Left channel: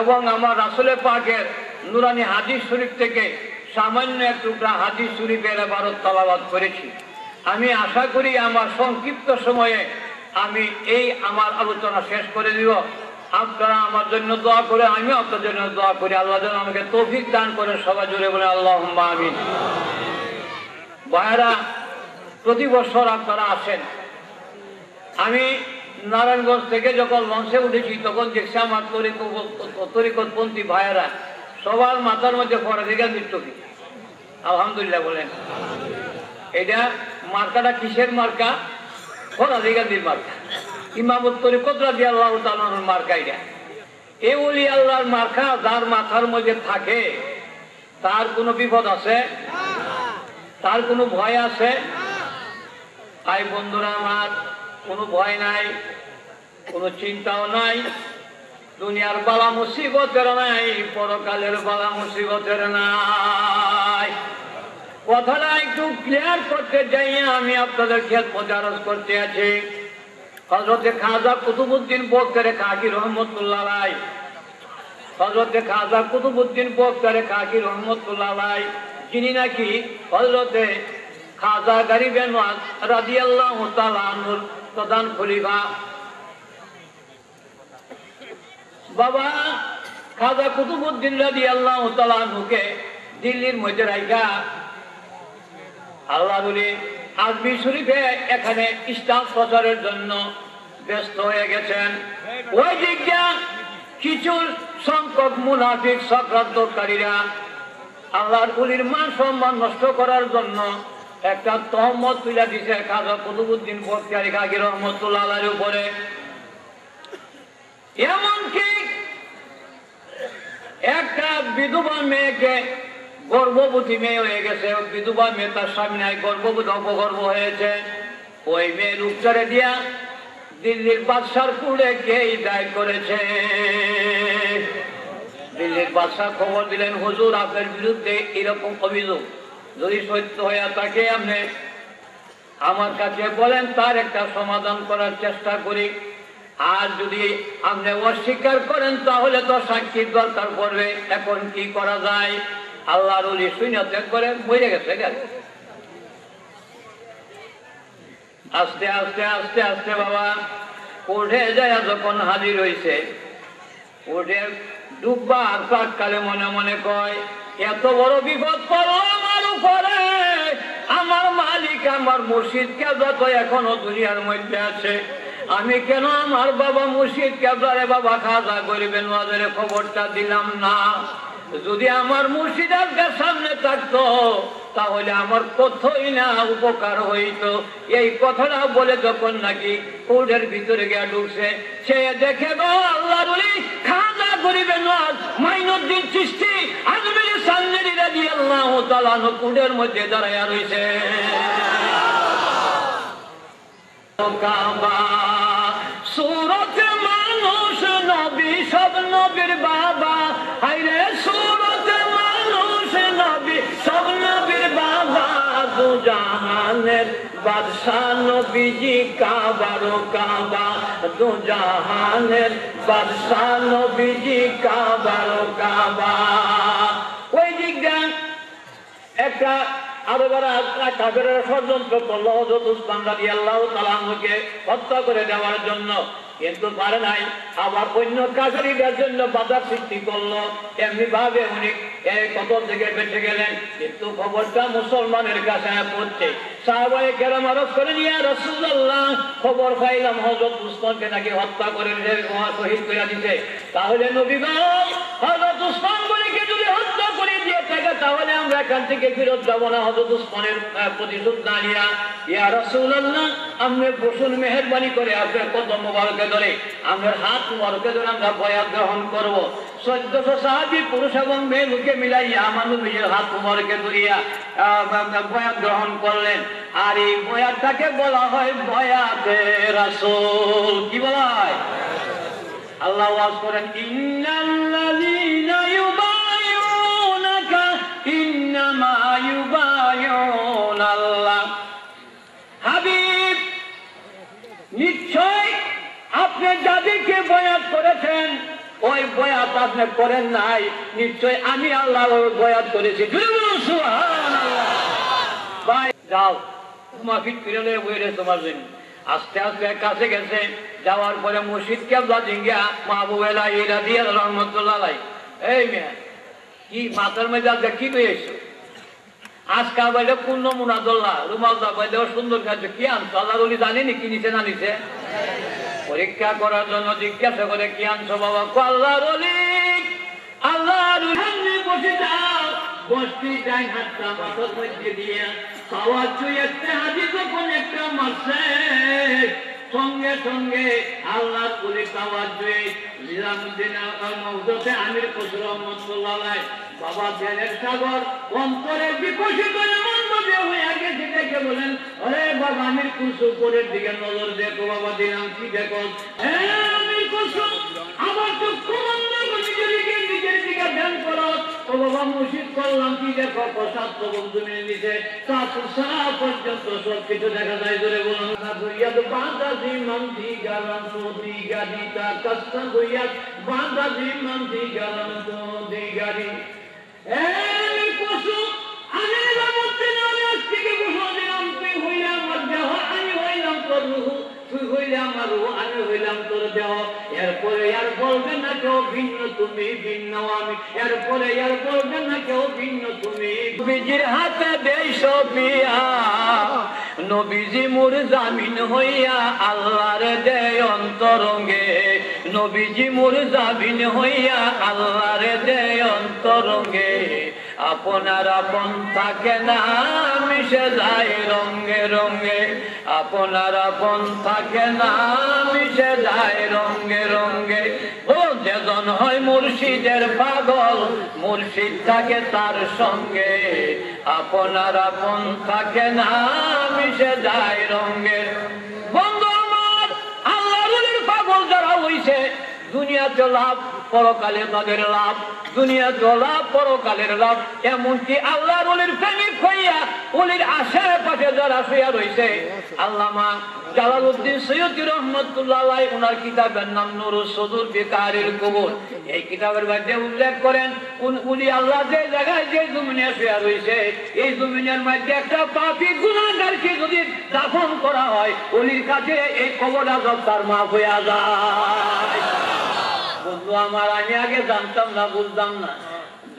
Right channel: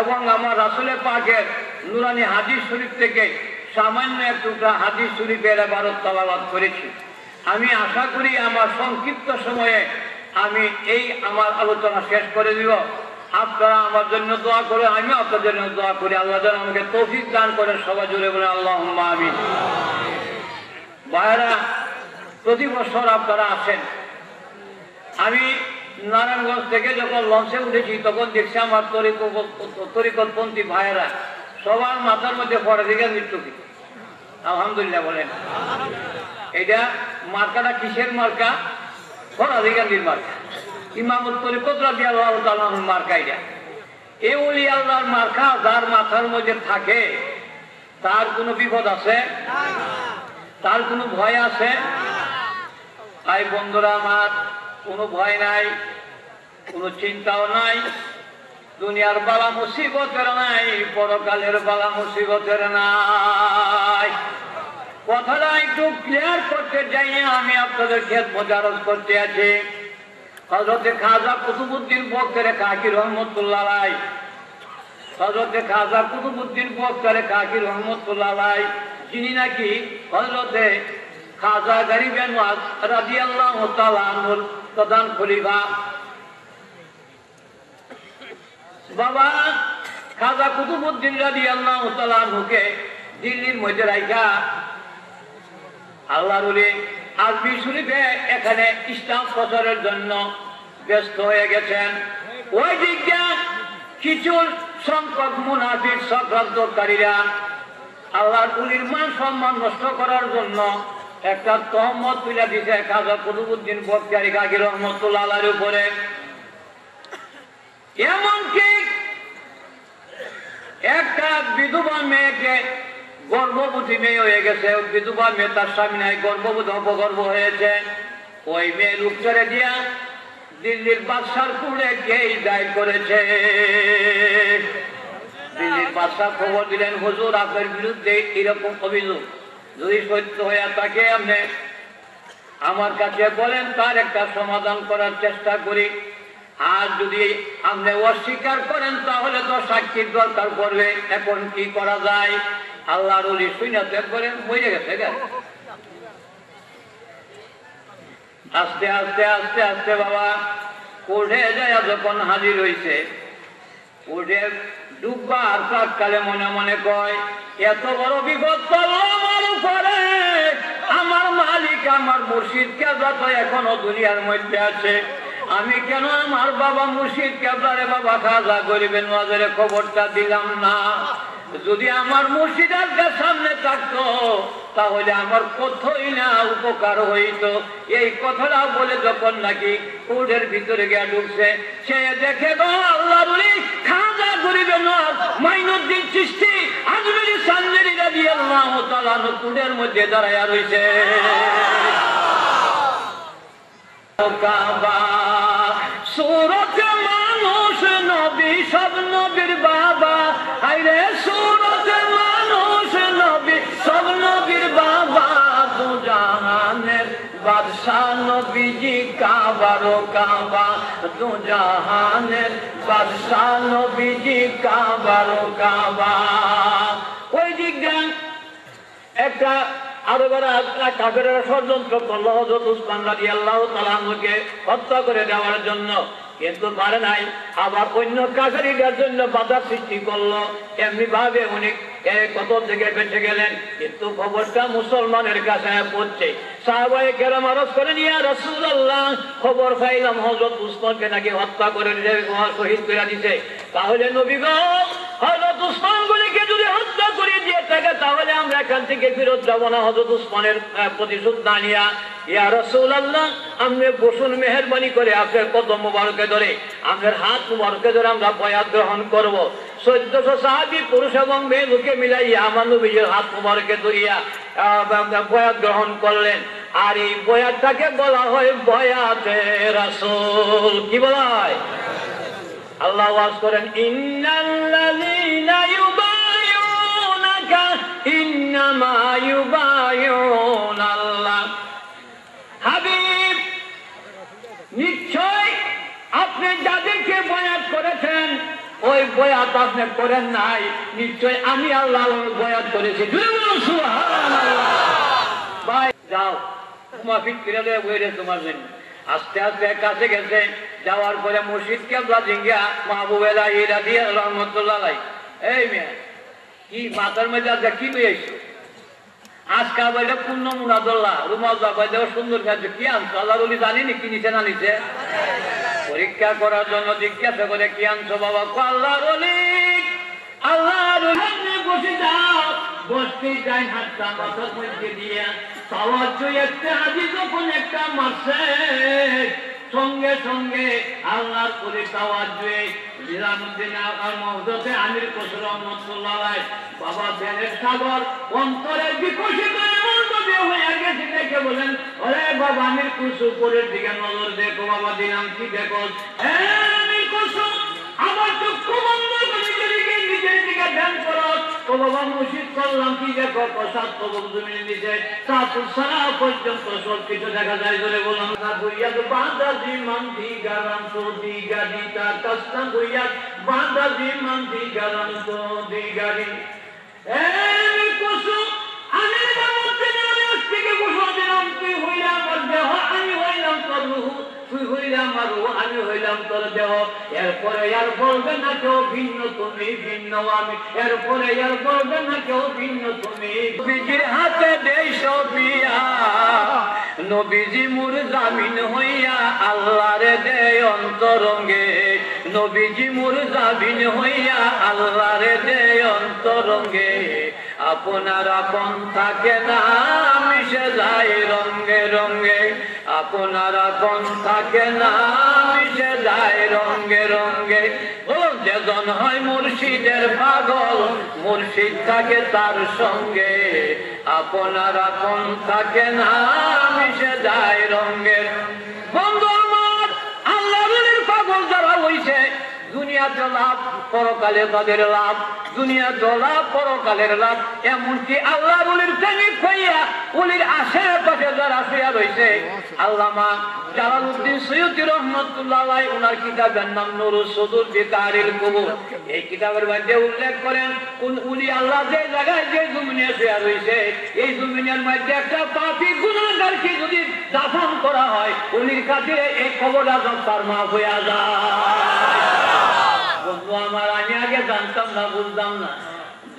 এবং আমার রাসূলের পাকের নুরানি হাদিস শরীফ থেকে সামান্য এক টুকরা হাদিস শরীফের ইবারত তেলাওয়াত করেছি। আমি আশা করি আমার সংক্ষিপ্ত সময়ে আমি এই আমার আলোচনা শেষ করে দিব। আপনারা আমার জন্য দোয়া করে, আমি আপনার জন্য দোয়া করি। আল্লাহ যেন আমাকে তৌফিক দান করেন। সবাই জুড়ে বলে আল্লাহুম্মা আমিন। ভাইরা, প্রতি বছর আপনারা আসেন। আমি নারায়ণগঞ্জ থেকে যখন লঞ্চে উঠেছি তখন দেখছি আমার তরিকতপন্থী ভাইয়েরা সবার মাথার মধ্যে ফরাদিগার মৃত্যু কি। আলহামদুলিল্লাহ বলেন। এটা মার্কাটা কিসের মার্কা? ফরাদিগার মার্কা। ইমামত তরিকত রাদিয়াল্লাহু তাআলা আনহুর মার্কা এটা। এই ওলি আল্লাহর মার্কা যার মাথার মধ্যে থাকে তার কোনো বিপদ আছে? তার কোনো ভয় আছে? ভাই বন্ধুরা আমার, কোনো ভয় নাই, কোনো চিন্তাও নাই, দুনিয়ার বালা মুসিবতের নাই, পরকালের বালা মুসিবতের নাই। কথাটা একটু ক্লিয়ার করতে যাই আমি আপনাদের খেদমত আরজ করতে আছি। হযরতে খাজা কুতুবউদ্দিন বখতারে কাকি রহমতুল্লাহ আলাইহি, হযরতে খাজা কুতুবউদ্দিন বখতারে কাকি রহমতুল্লাহ আলাইহি, যিনি নাকি হযরতে খাজা গরিবে নওয়াজ রাদিয়াল্লাহু তাআলা আনহুর প্রধান খলিফা। বাবা খাজা কুতুবউদ্দিন রাদিয়াল্লাহু তাআলা আনহুকে দিল্লির মধ্যে রাইখা আল্লাহর ওলি আরবি শরীফে এখানে ইসলাম প্রচারের জন্য ব্যস্ত হয়ে গেছেন। ওই দিকটা কিছু সংখ্যক মুনাফিক চক্রান্তকারীরা আল্লাহর ওলির মান সম্মান নষ্ট করার জন্য একটা তহমত তুলে দিছে খাজা কুতুবউদ্দিন বখতিয়ারি কাকি রহমতুল্লাহ আলাইহির উপরে। এমনকি একটা বিধবা মেয়েকে, গর্ভবতী মেয়ে হয়ে গেছে, বিধবা মেয়ে, তার স্বামী নাই, গর্ভবতী অপগর্ভ হয়েছে, ওই মেয়ের উপচারে দিয়া দিল্লির বাদশার কুড়ে কেই দায় করেছে। দিল্লির বাদশা খবর দিলেন, হুজুর আপনার বিরুদ্ধে এরকম অভিযোগ যদি সত্য হয়ে থাকে আপনি আমার কাছে বলেন, তার একটা সমাধান করার চেষ্টা করি। আর যদি আপনি অস্বীকার করেন তাহলে তো সাক্ষীর দরকার পড়বে। এখন কি করা যায়? আল্লাহর ওলি শুনে ত্যাগ করে মরে গেছে। আস্তে আস্তে আস্তে আস্তে বাবা কোর্টে যায় যখন হাজির হয়েছে, কোর্টে ডুববা আর প্রাককালে মনে মনে কয়, এত বড় বিপদ পড়লো আমার উপরে, আমার মালিক আমার মুর্শিদ কেবলা তো এখনো দুনিয়ার মধ্যে আছে, আমি কেন আমার বাবা মুর্শিদ কেবলারে বাবা খাজা গরিবে নওয়াজের খবরটা দিলাম না? যদি আমার মুর্শিদ আজকে সামনে থাকতো তাহলে আমার কতই না উপকার হইতো। এই কথাটা বলে যখন নাকি কোর্টের ভিতরে গিয়ে ঢুকছে, সে দেখে গো আল্লাহর ওলি খাজা গরিবে নওয়াজ মাইনুদ্দিন চিশতি আজমিরি সানজিরি রাদিয়াল্লাহু তাআলা আনহু কোর্টের মধ্যে দাঁড়ায়া রইছে। কাবা সূরত মানুষ নবী সব নবীর বাবা, হায়রে সূরত মানুষ নবী সব নবীর বাবা, দু জাহানের বাদশা নবীজি কাবার কাবা, দু জাহানের বাদশা নবীজি কাবার কাবা। ওই দিকটা একটা আরবেরা কাফেরেরা ষড়যন্ত্র করলো হযরত উসমান রাদিয়াল্লাহু তাআলা আনহুকে হত্যা করে দেওয়ার জন্য, কিন্তু পারে নাই। আবার অন্য কাফেরদের জন্য বাধা সৃষ্টি করলো, এমনি ভাবে উনি কত থেকে বেঁচে গেলেন। কিন্তু খবরটা মুসলমানের কাছে পৌঁছে সাহাবায়ে কেরাম আরজ করেন, ইয়া রাসূলুল্লাহ, খবর পাইলাম হযরত উসমানকে নাকি হত্যা করে শহীদ করে দিতে। তাহলে নবী গো, হযরত উসমান গনিকে যদি হত্যা করে দিয়ে থাকে তাহলে আমরা এখান থেকে ফেরত যাব না হযরত উসমানের প্রতিশোধ না নিয়া। ইয়া রাসূলুল্লাহ, আপনি বসুন, মেহেরবানি করে আপনার কদম মুবারকে ধরে, আপনার হাত মুবারকে ধরে আমরা বয়াত গ্রহণ করব। 1400 সাহাবী পুরুষ এবং মেয়ে লোকে মিলাইয়া আমার নবীর হাত মুবারকে ধরিয়া বয়াত গ্রহণ করলেন। আর এই বয়াতটাকে বলা হয় বয়াতে রাসূল। কি বলা হয়? আল্লাহ ওয়াজ করেন, ইন্নাল্লাযীনা ইউবাইউনাকা ইন্নামা ইউবাইউনাল্লাহ। হাবিব, নিশ্চয় আপনি যাদেরকে বয়াত করেছেন ওই বয়াত আপনি করেন নাই, নিশ্চয় আমি আল্লাহর বয়াত করেছি। সুবহানাল্লাহ। ভাই যাও, মাফিক ফিরে বইরে তোমার জন্য। আস্তে আস্তে কাছে গেছে, যাওয়ার পরে মসজিদ কেবলা জিঙ্গা মাহবুব আলাইহি রাদিয়াল্লাহু রাহমাতুল্লাহ আলাইহি, এই মেয়ে কি মাথার মধ্যে আজকে কি পেয়েছো? আজকাল বাইরে পূর্ণ মুনাদুল্লাহ রুমাল বাইরে সুন্দর কাজ কি আনছো? আল্লাহর ওলি জানেনি কি নিচে না নিচে? পরীক্ষা করার জন্য জিজ্ঞাসা করে কি আনছো বাবা? আল্লাহর ওলি, আল্লাহর ওলি বসে যাও। বসতে যাই, হাতটা মাথার মধ্যে দিয়ে পাওয়ার একটা হাজি যখন একটা মারছে, সঙ্গে সঙ্গে আল্লাহর ওলি পাওয়ার নিজামুদ্দিন মওদুদে আমির খসরু রহমাতুল্লাহ আলাইহি বাবা দেনের সাগর অন্তরে বিকশিত হয়ে গেছে। দেখে বলেন, আরে বাবা আমির খসরু উপরের দিকে নজর দেখো বাবা, দিলাম কি দেখো? আমির খসরু আমার চক্ষু বন্ধ করে নিজের দিকে ধ্যান করো। ও বাবা মুশিদ করলাম কি দেখো? প্রসাদ প্রভুর জমিনে নিচে সারা পর্যন্ত সব কিছু দেখা যায়। ধরে বললাম বাঁধাজি মান্দি গালাম তো দি গাড়ি, তার কাজটা বইয়া বাঁধাজি মান্দি গালাম তো দি গাড়ি। পশু আমি থেকে বসে দিলাম, তুই হইলে আমার দেহ, আমি হইলাম তোর রুহ, তুই হইলে আমার রুহ, আমি হইলাম তোর দেহ। এরপরে আর বলবে না কেউ ভিন্ন তুমি ভিন্ন আমি, এরপরে আর বলবে না কেউ ভিন্ন তুমি। নবীজির হাতে দেই সবিয়া, নবীজি মোর জামিন হইয়া আল্লাহরে দেয় অন্তরঙ্গে, নবীজি মোর জামিন হইয়া আল্লাহরে দেয় অন্তরঙ্গে। আপনার আপন থাকে না মিশে যায় রঙ্গে রঙ্গে, আপনার আপন থাকে না মিশে যায় রঙ্গে রঙ্গে। ও যেজন হয় মুর্শিদের পাগল, মুর্শিদ থাকে তার সঙ্গে, আপনার আপন থাকে না মিশে যায় রঙ্গে। বন্ধু আমার, আল্লাহর পাগল যারা হইছে দুনিয়াতে লাভ, পরকালে তাদের লাভ, দুনিয়াতে লাভ, পরকালের লাভ। এমনকি আল্লাহর ওলির প্রেমিক হইয়া ওলির আশেপাশে যারা শুয়ে রয়েছে, আল্লামা জালালউদ্দিন সৈয়দী রহমাতুল্লাহ আলাইহি ওনার কিতাবের নাম নুরুস সুদূর বিকারিল কুবুর। এই কিতাবের মধ্যে উল্লেখ করেন উনি আল্লাহ যে জায়গায় যে জমিনে শুয়ে রয়েছে, এই জমিনের মধ্যে একটা পাপী গুনাহগারকে যদি দাফন করা হয়, ওলির কাছে এই কবর আযাব তার মাফ হয়ে যায়। বন্ধু আমার, আমি আগে জানতাম না, বুঝতাম না।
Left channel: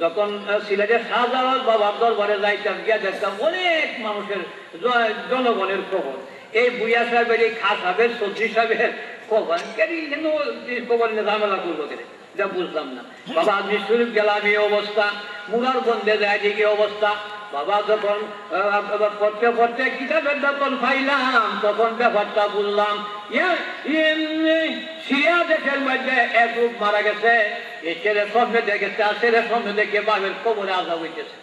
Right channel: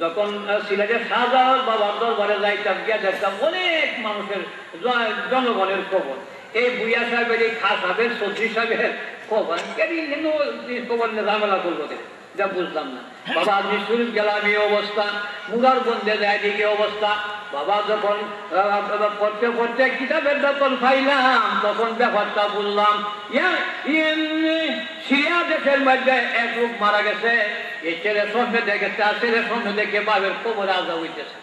যখন সিলেটের শাহজালাল বাবার দরবারে যাইতাম, গিয়া দেখতাম অনেক মানুষের জনগণের খবর। এই বুইয়া সাহেবের, এই খা সাহেবের, চৌধুরী সাহেবের খবর, খবর নিয়ে ঝামেলা করবো যা বুঝলাম না। বাবা আজমির শরীফ গেলাম এই অবস্থা, মুগার বন্ধে যায় দিকে অবস্থা। বাবা যখন পড়তে পড়তে কিতাবের যখন পাইলাম তখন ব্যাপারটা বুঝলাম। সিরিয়া দেশের মধ্যে এক লোক মারা গেছে, এই ছেলে স্বপ্নে দেখেছে, আর ছেলে স্বপ্নে দেখে বাবের কবরে আজাব হইতেছে।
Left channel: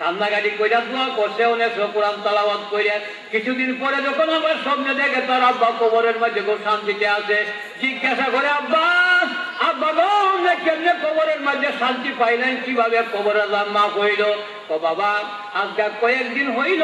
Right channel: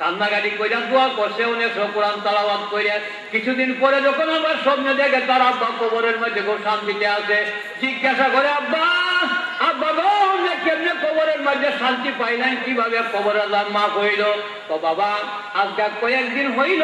কান্নাকাটি করে দোয়া করছে, অনেক কোরআন তেলাওয়াত করে। কিছুদিন পরে যখন আবার স্বপ্নে দেখে তার আব্বা কবরের মধ্যে খুব শান্তিতে আছে, জিজ্ঞাসা করে, আব্বা আর বাবা কেমনে কবরের মাঝে শান্তি পাইলেন, কিভাবে কবরের মাফ হইল? তো বাবা আজকে কয়েকদিন হইল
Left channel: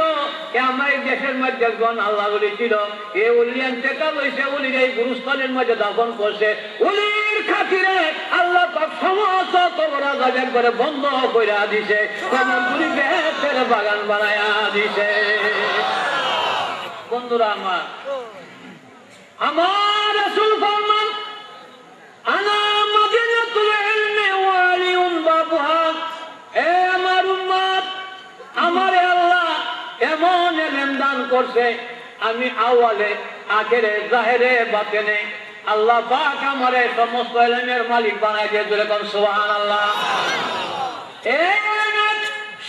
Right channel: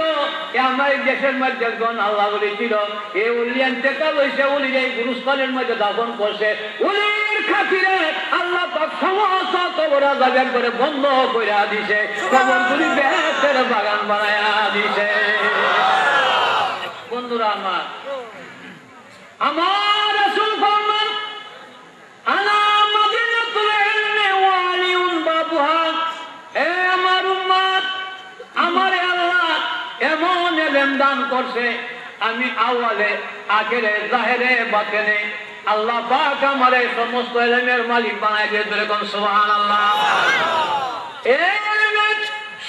আমার দেশের মধ্যে একজন আল্লাহ বলি ছিল, এ উলিয়ান টেকা লইছে, উলি এই গুরুস্থানের মধ্যে দাফন করছে। উলির খাতিরে আল্লাহ পাক সমস্ত কবর আযাব করে বন্ধ করে দিছে, কবরগুলি বেহেশতের বাগান বানায়া দিছে। বন্ধুরা আমার রাসূল ফরমান, আনা মাদিনাতুল ইলমি ওয়া আলিউন বাবুহা। এ আমার উম্মত, আমারে আল্লাহ এমন ইলম দান করছে, আমি আওয়ালে আখেরে জাহেরে বাতেনে আল্লাহ পাক আমারে সমস্ত ইলমের মালিক বানাই দিয়ে ধরে কোন সুবহানাল্লাহ। এই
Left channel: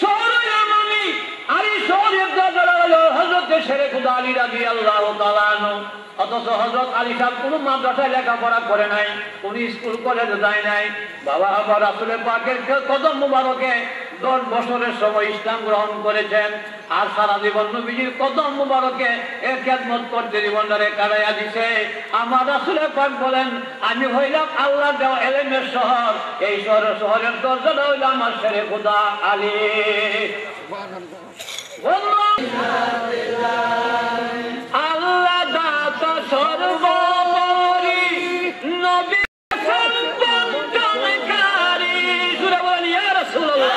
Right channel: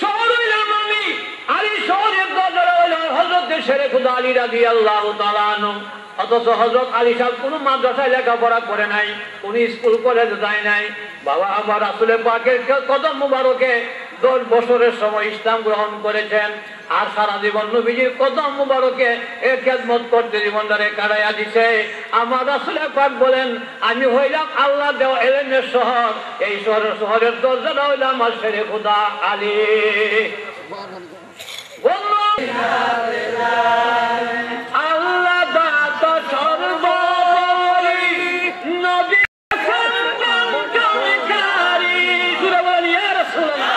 শহর হইলাম আমি, আর এই শহরের দাদা হলো হযরত শেরে খুদা আলী রাদিয়াল্লাহু তাআলা আনহু। অথচ হযরত আলী সাহেব কোন মাদ্রাসায় লেখাপড়া করে নাই, কোন স্কুল কলেজ যায় নাই। বাবা আমার রাসূলের পাকের কদম মুবারকে 10 বছরের সময় ইসলাম গ্রহণ করেছেন, আর সারা জীবন নবীজির কদম মুবারকে খেদমত করতে জীবনটারে কাটাইয়া দিছে। আমার রাসূলের পাক বলেন, আমি হইলাম আল্লাহ দেওয়া ইলমের শহর, এই শহরের দরজাটা হইলাম আমার শেরে খুদা আলী। আল্লাহ দাতা সর্বোপরি, নবী সর্বোত্তমকারী। সুরে বলেন ইয়া রাসূলুল্লাহ।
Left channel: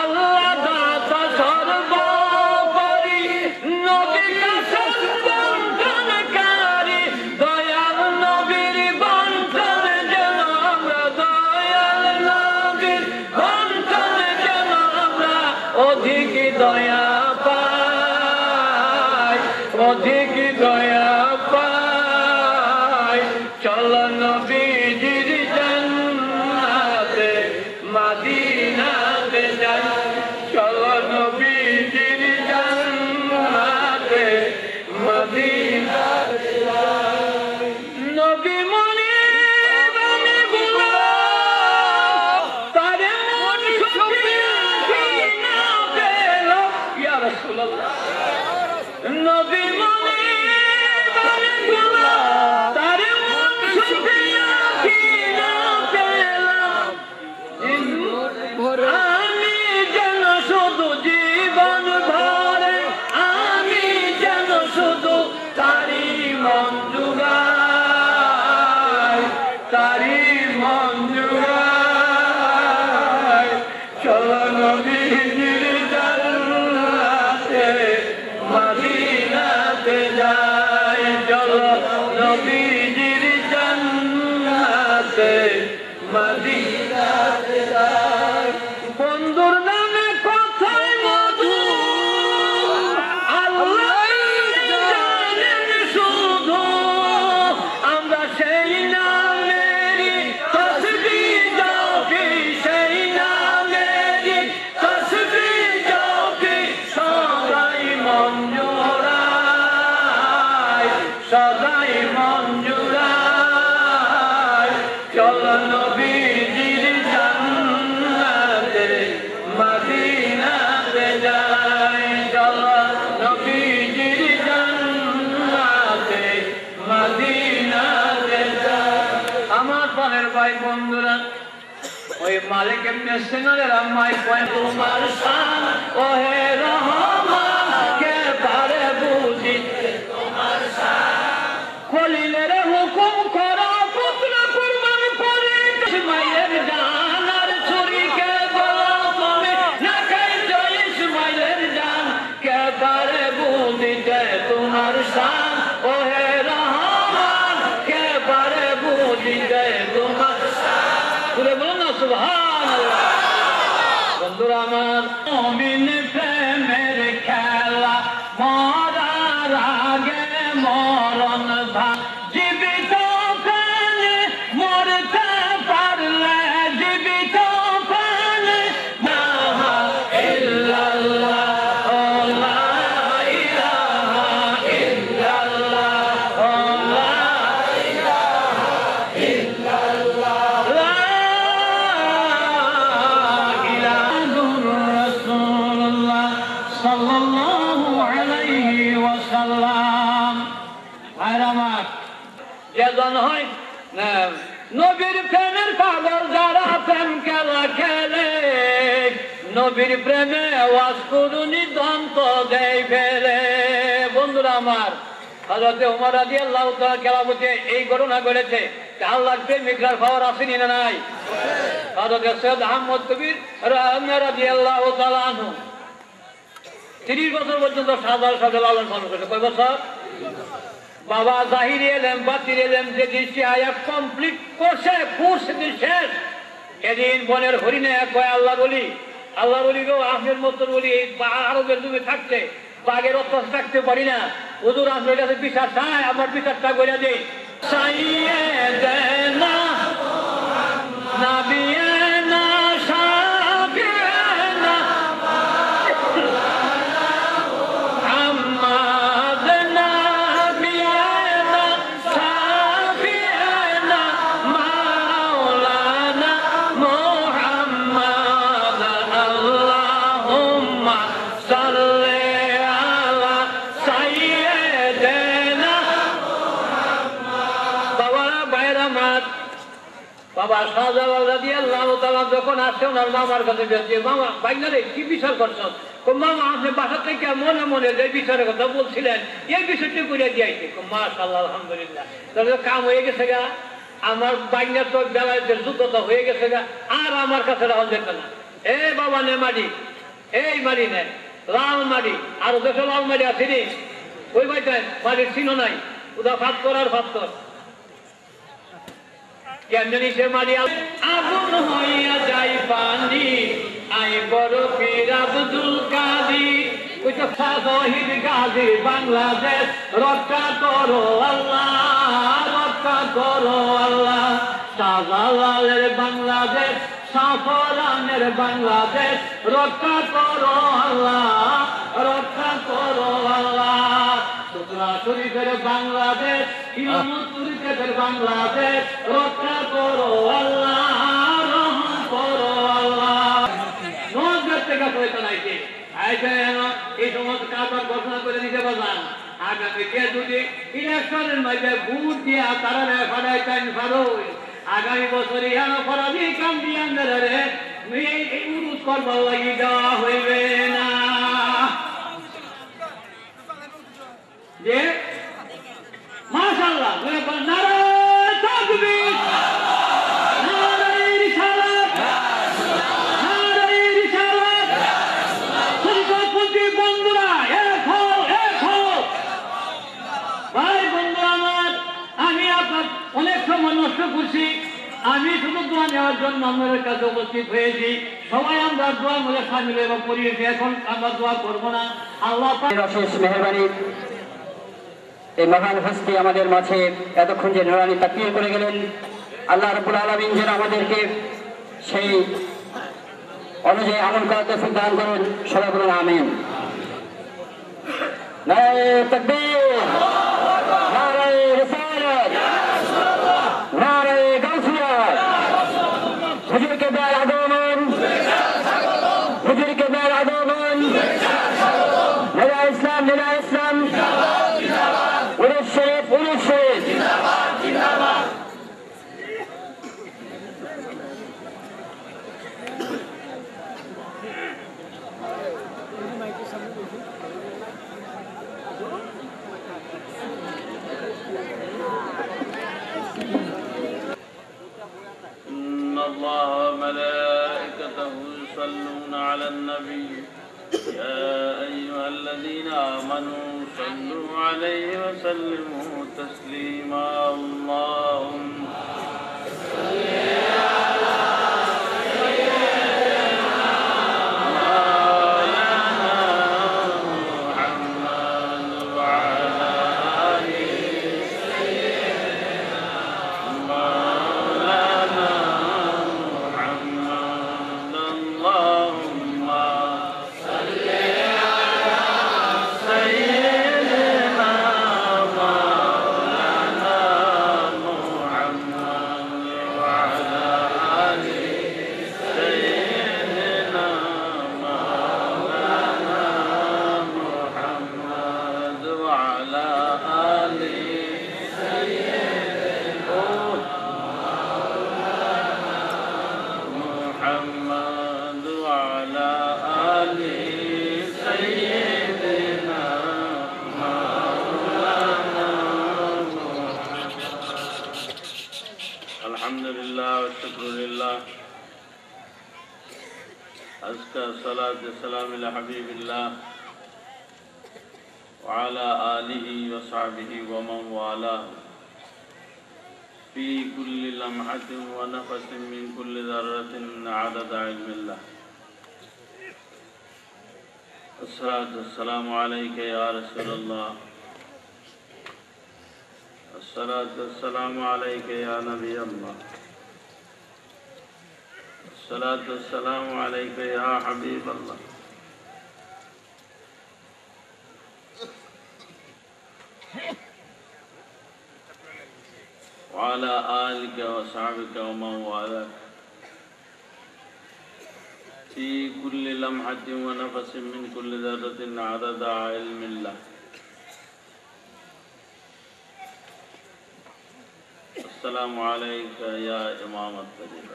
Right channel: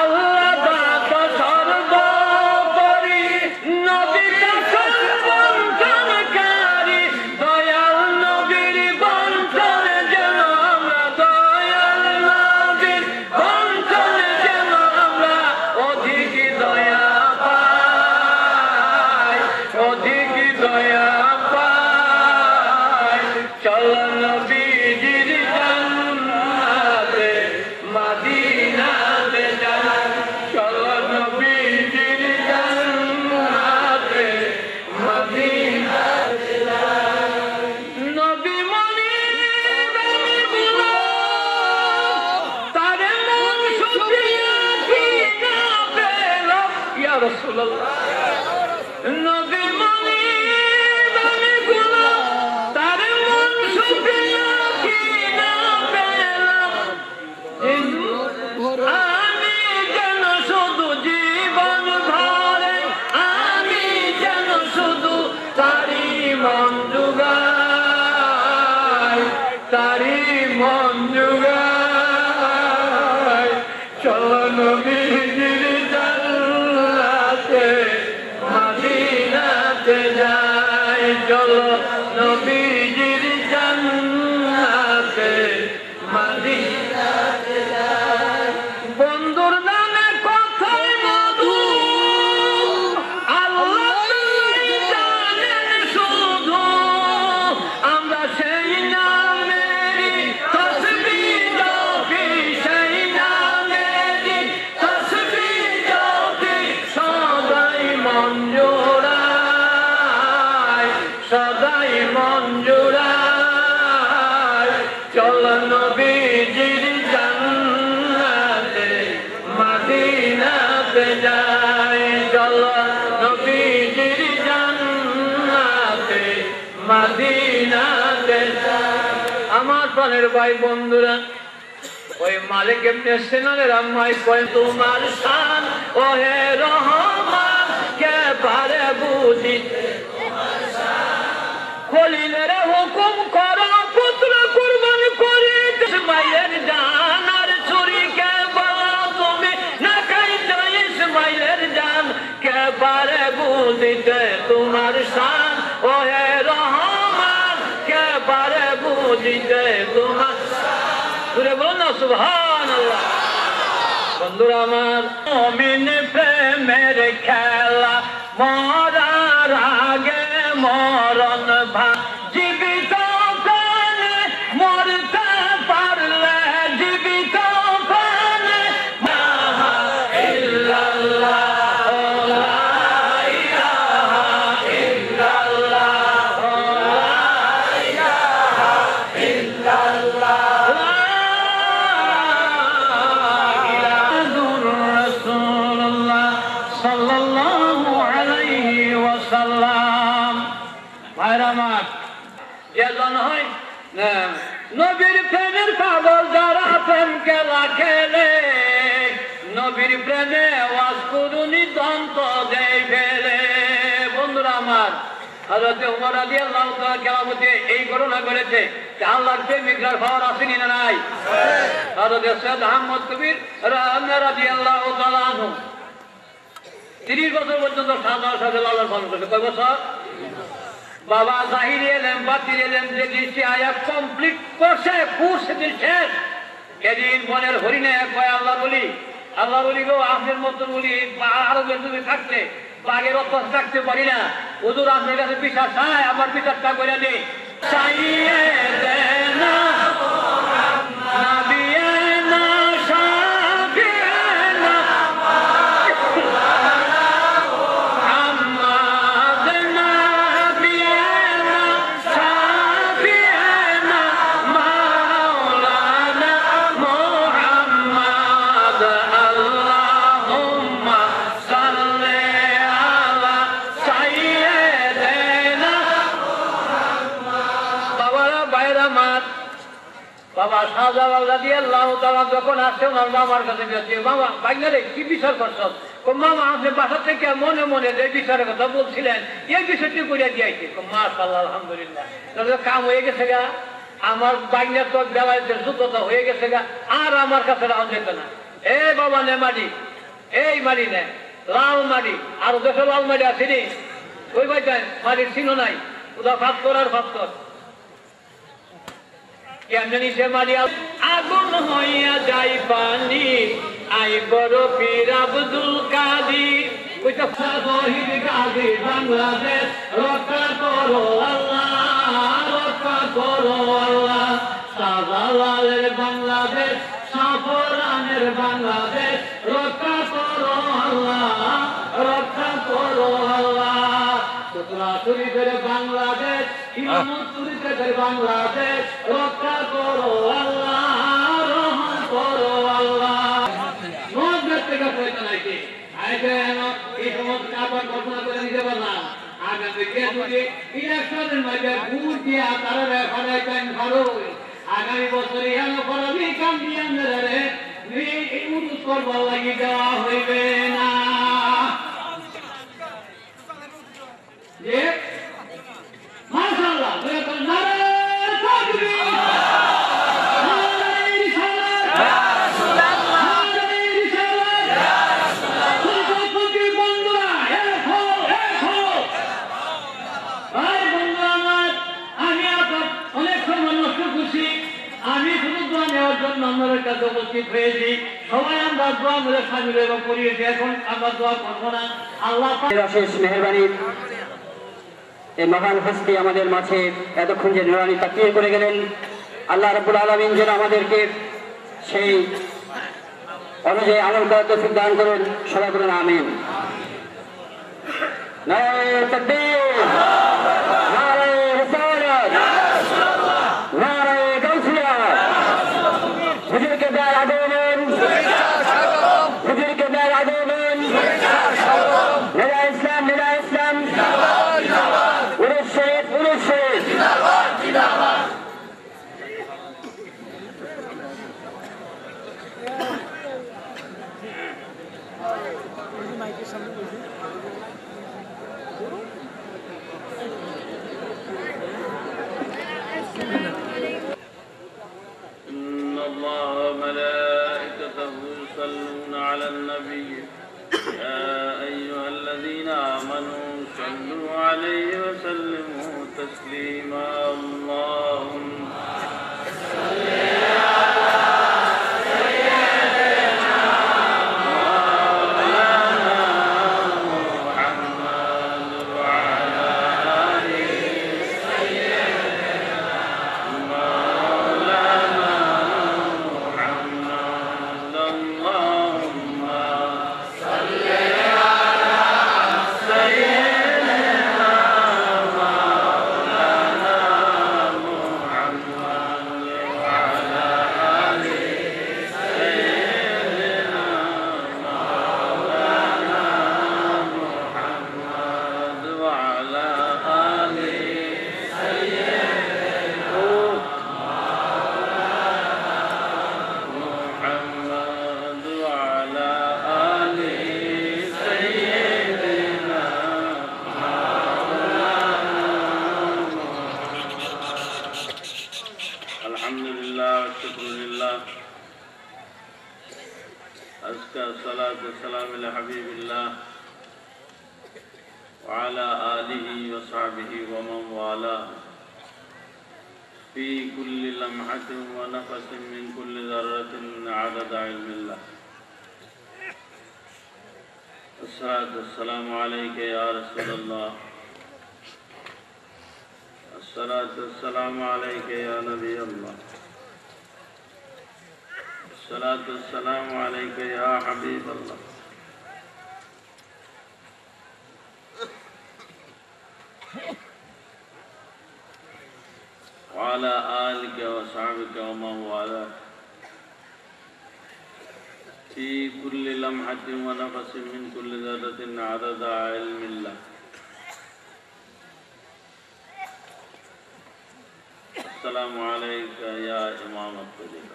আল্লাহ দাতা সর্বোপরি, নবী সর্বোত্তমকারী। দয়াল নবীর বন্ধন যেন আমরা, দয়াল নবীর বন্ধন যেন আমরা অধিক দয়া পাই, অধিক দয়া পাই। চলো নবীজির জান্নাতে মদিনাতে যাই, চলো নবীজির জান্নাতে মদিনাতে যাই। নবী মনির আমি গোলাম, তারে মন শুকরিয়া কি না পেল ইয়া রাসূলুল্লাহ। নবী মনির আমি গোলাম, তারে মন শুকরিয়া কি না পেলাম। আমি যেন শুধু জীবন ভরে, আমি যেন শুধু তারি মন জুগাই, তারি মন জুগাই। চলো নবীজির জান্নাতে মদিনাতে যাই, চলো নবীজির জান্নাতে মদিনাতে যাই। বন্ধুর নামে কথায় মধু, আল্লাহ জানেন শুধু। আমরা সেই নামেরই তাসবিহ জপি, সেই নামেরই তাসবিহ জপি। সদাই মন জোড়ায়, সদাই মন জোড়ায়। চলো নবীজির জান্নাতে মদিনাতে যাই, চলো নবীজির জান্নাতে মদিনাতে যাই। আমার প্রাণের ভাই বন্ধুরা, ওই মালিক ইবনে সিনানের আম্মায় কয়, তোমার শান ওহে রহমান কে পারে বুঝিতে, খলিলের হুকুম করো পুত্র কুরবান করিতে। ইসমাইলের জান আর ছুরিকে বলো তুমি না খাইতে, ইসমাইলের জান কে পারে বুঝিতে তোমার শান ওহে রহমান কে পারে বুঝিতে তোমার শান। সুরে বলো না সুবহানাল্লাহ। বন্ধুরা আমার, মুমিন প্রেমের খেলা, মরার আগে মরণ ভা, জীবিত প্রাণে মরতে পারলে, জীবিত প্রাণে লা ইল্লাল্লাহ, লা ইলাহা ইল্লাল্লাহ, লা ইলাহা ইল্লাল্লাহ, লা ইলাহা রাসূলুল্লাহ সাল্লাল্লাহু আলাইহি ওয়াসাল্লাম। ভাইরা আমার, এজন হয় নবীর প্রেমের পাগল যারা প্রেম খেলা খেলে, নবীর প্রেমে ওয়াজ করুনি দন্ত দেয় ফেলে। বন্ধুরা আমার, হযরত ওমর রাদিয়াল্লাহু তাআলা কিয়ামতে এই ঘটনা ঘটেছে, আল্লাহর প্রেমিকরার খবর আসেনি না নাই? হযরত সৈয়দ আহমদ কবির রাদিয়াল্লাহু তাআলা আনহু 30 বছর পর্যন্ত সাদার সাথে লালন পালন করেছে। কয় বছর? বাবা জাহিরি এলেম বাতির এলেম যে দৃষ্টি আয়া কমপ্লিট করছে, কোর্স দিন শেষ। এদিন বনের হরিণে কয় আল্লাহ বলি, আল্লাহ বলি গো আপনার মতন বলি আরবের যুগে থাকতে বাঘের অভ্যাস থাকতে পারি না, হুজুর আপনার কাছে বিচার চাই, আমার বিচারটা করে দিই। চাইয়ে দেয় না নাবিয়ে না সাবিয়ে না আম্মাদ নাবিয়ে না সাবিয়ে না মাওলানা মুহাম্মদ আল্লাহুম্মা সাল্লি আলা সাইয়্যিদিনা বাবারা বাইরা মাত। বাবা শাহজালাল রাদিয়াল্লাহু তাআলা যখন আসছে ওনার মামার কাছে গেছে, মামা বাইনারে কি বিচার করছো? মামা আপনি বাসা থেকে মনে মনে যে বিচারের কথা বলছিলেন এই বিষয়টি করে দিয়েছে। মাশাআল্লাহ আলহামদুলিল্লাহ, তাহলে কাম হয়ে গেছে গা, আমার বাইনার তো বেলায়েতের যোগ্যতা হয়ে গেছে গা, আর আমার কাছে রাখা যেত না। এ বাবা নে মাটি, এই মাটি নেন লাল মাটি, আর দেশে লাল মাটি আছে নি, ওই বাড়িটায় মাটির চিহ্ন নাই, ওটা ফাত্তর আর ফাত্তর কেমনি সে মারিয়া আগুন হইয়া যাই পানি আই বড় পীর আব্দুল কাদির। ওইটা শহীদ গাজী বাংলাদেশ রক্ষা করো আল্লাহ, রক্ষা করো আল্লাহ। শাহজালালের বাংলাদেশ, শাহপরানের বাংলাদেশ রক্ষা করো আল্লাহ, রক্ষা করো আল্লাহ। সুতরা শরীফের বাংলাদেশ, ইমামতুরিদের বাংলাদেশ রক্ষা করো আল্লাহ, রহম করো আল্লাহ। এই সমস্ত কারবার ঘোষণা করে দিতে পারলাম, আগামীকে যদি ইলেকশনের মধ্যে ভোট দিয়া তারা ফাড়াইতেন ফাড়ো, আগামী বছর ইয়ানো ফরাজি কাম দিয়া উরুস করবার লাগি দেওয়া হইবে না। যে মাশাআল্লাহ আমি শুধু দোয়া নেওয়ার জন্য আপনাদের কাছে উপস্থিত হয়েছি। সবাই আমরা দোয়া মধ্যে সামিল এবং করিয়েছি, এখন আমরা দোয়া করবো না। আল্লাহ শেষ মেহেরবানি এই মহান হস্তি আমাদের মাঝে এতক্ষণ যে নুরানি তাকবীর করে গেলেন, আল্লাহ রাব্বুল আলামিন যেন আমাদেরকে সেই অনুযায়ী আমল করার তৌফিক দান করুন। সবাই বলুন আমিন। নারে তাকবীর, নারে রিসালাত, নারে গাউসিয়া। হুজুরকে দেয় আগমন, হুজুরকে দেয় আগমন। নেলা ইসলাম, নেলা ইসলাম, উরুস শরীফ, উরুস শরীফ। إن الله وملائكته يصلون على النبي يا أيها الذين آمنوا صلوا عليه وسلموا تسليما اللهم صل على أزكى الصلاة والسلام على حبيب الله وعلى آله وصحبه ومن والاه في كل لمحة ونفس من كل ذرة عدد علم الله. الصلاة والسلام عليك يا رسول الله. الصلاة والسلام عليك يا نبي الله. الصلاة والسلام عليك يا حبيب الله. وعلى آلك وصحبك ومن والاه في كل لمحة ونفس من كل ذرة عدد علم الله. السلام عليك يا إمام الطريقة.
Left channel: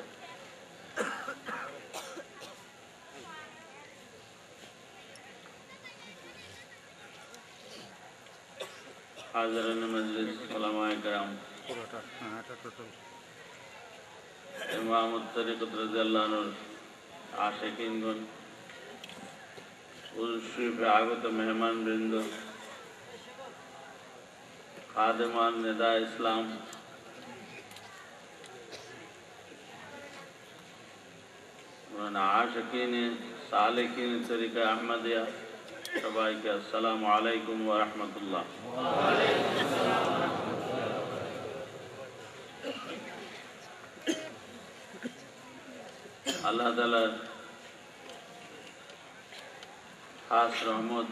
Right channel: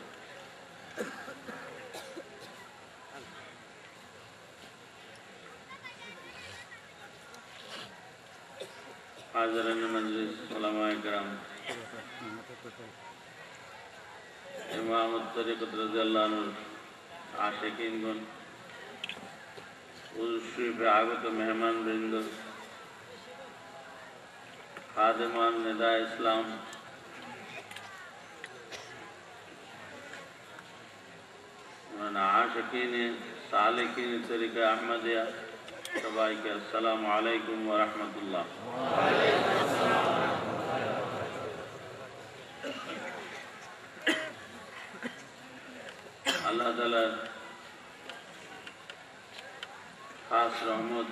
حاضرین مجلس علماء کرام، ইমাম তরিকত রাদিয়াল্লাহু আনহুর আশিকিনগণ, উরুস শরীফে আগত মেহমানবৃন্দ, খাদেমান নেদা ইসলাম, আশিকিন সালিকিন তরিকা আহমদিয়া, সবাইকে আসসালামু আলাইকুম ওয়া রাহমাতুল্লাহ। আল্লাহ তাআলার খাস রহমত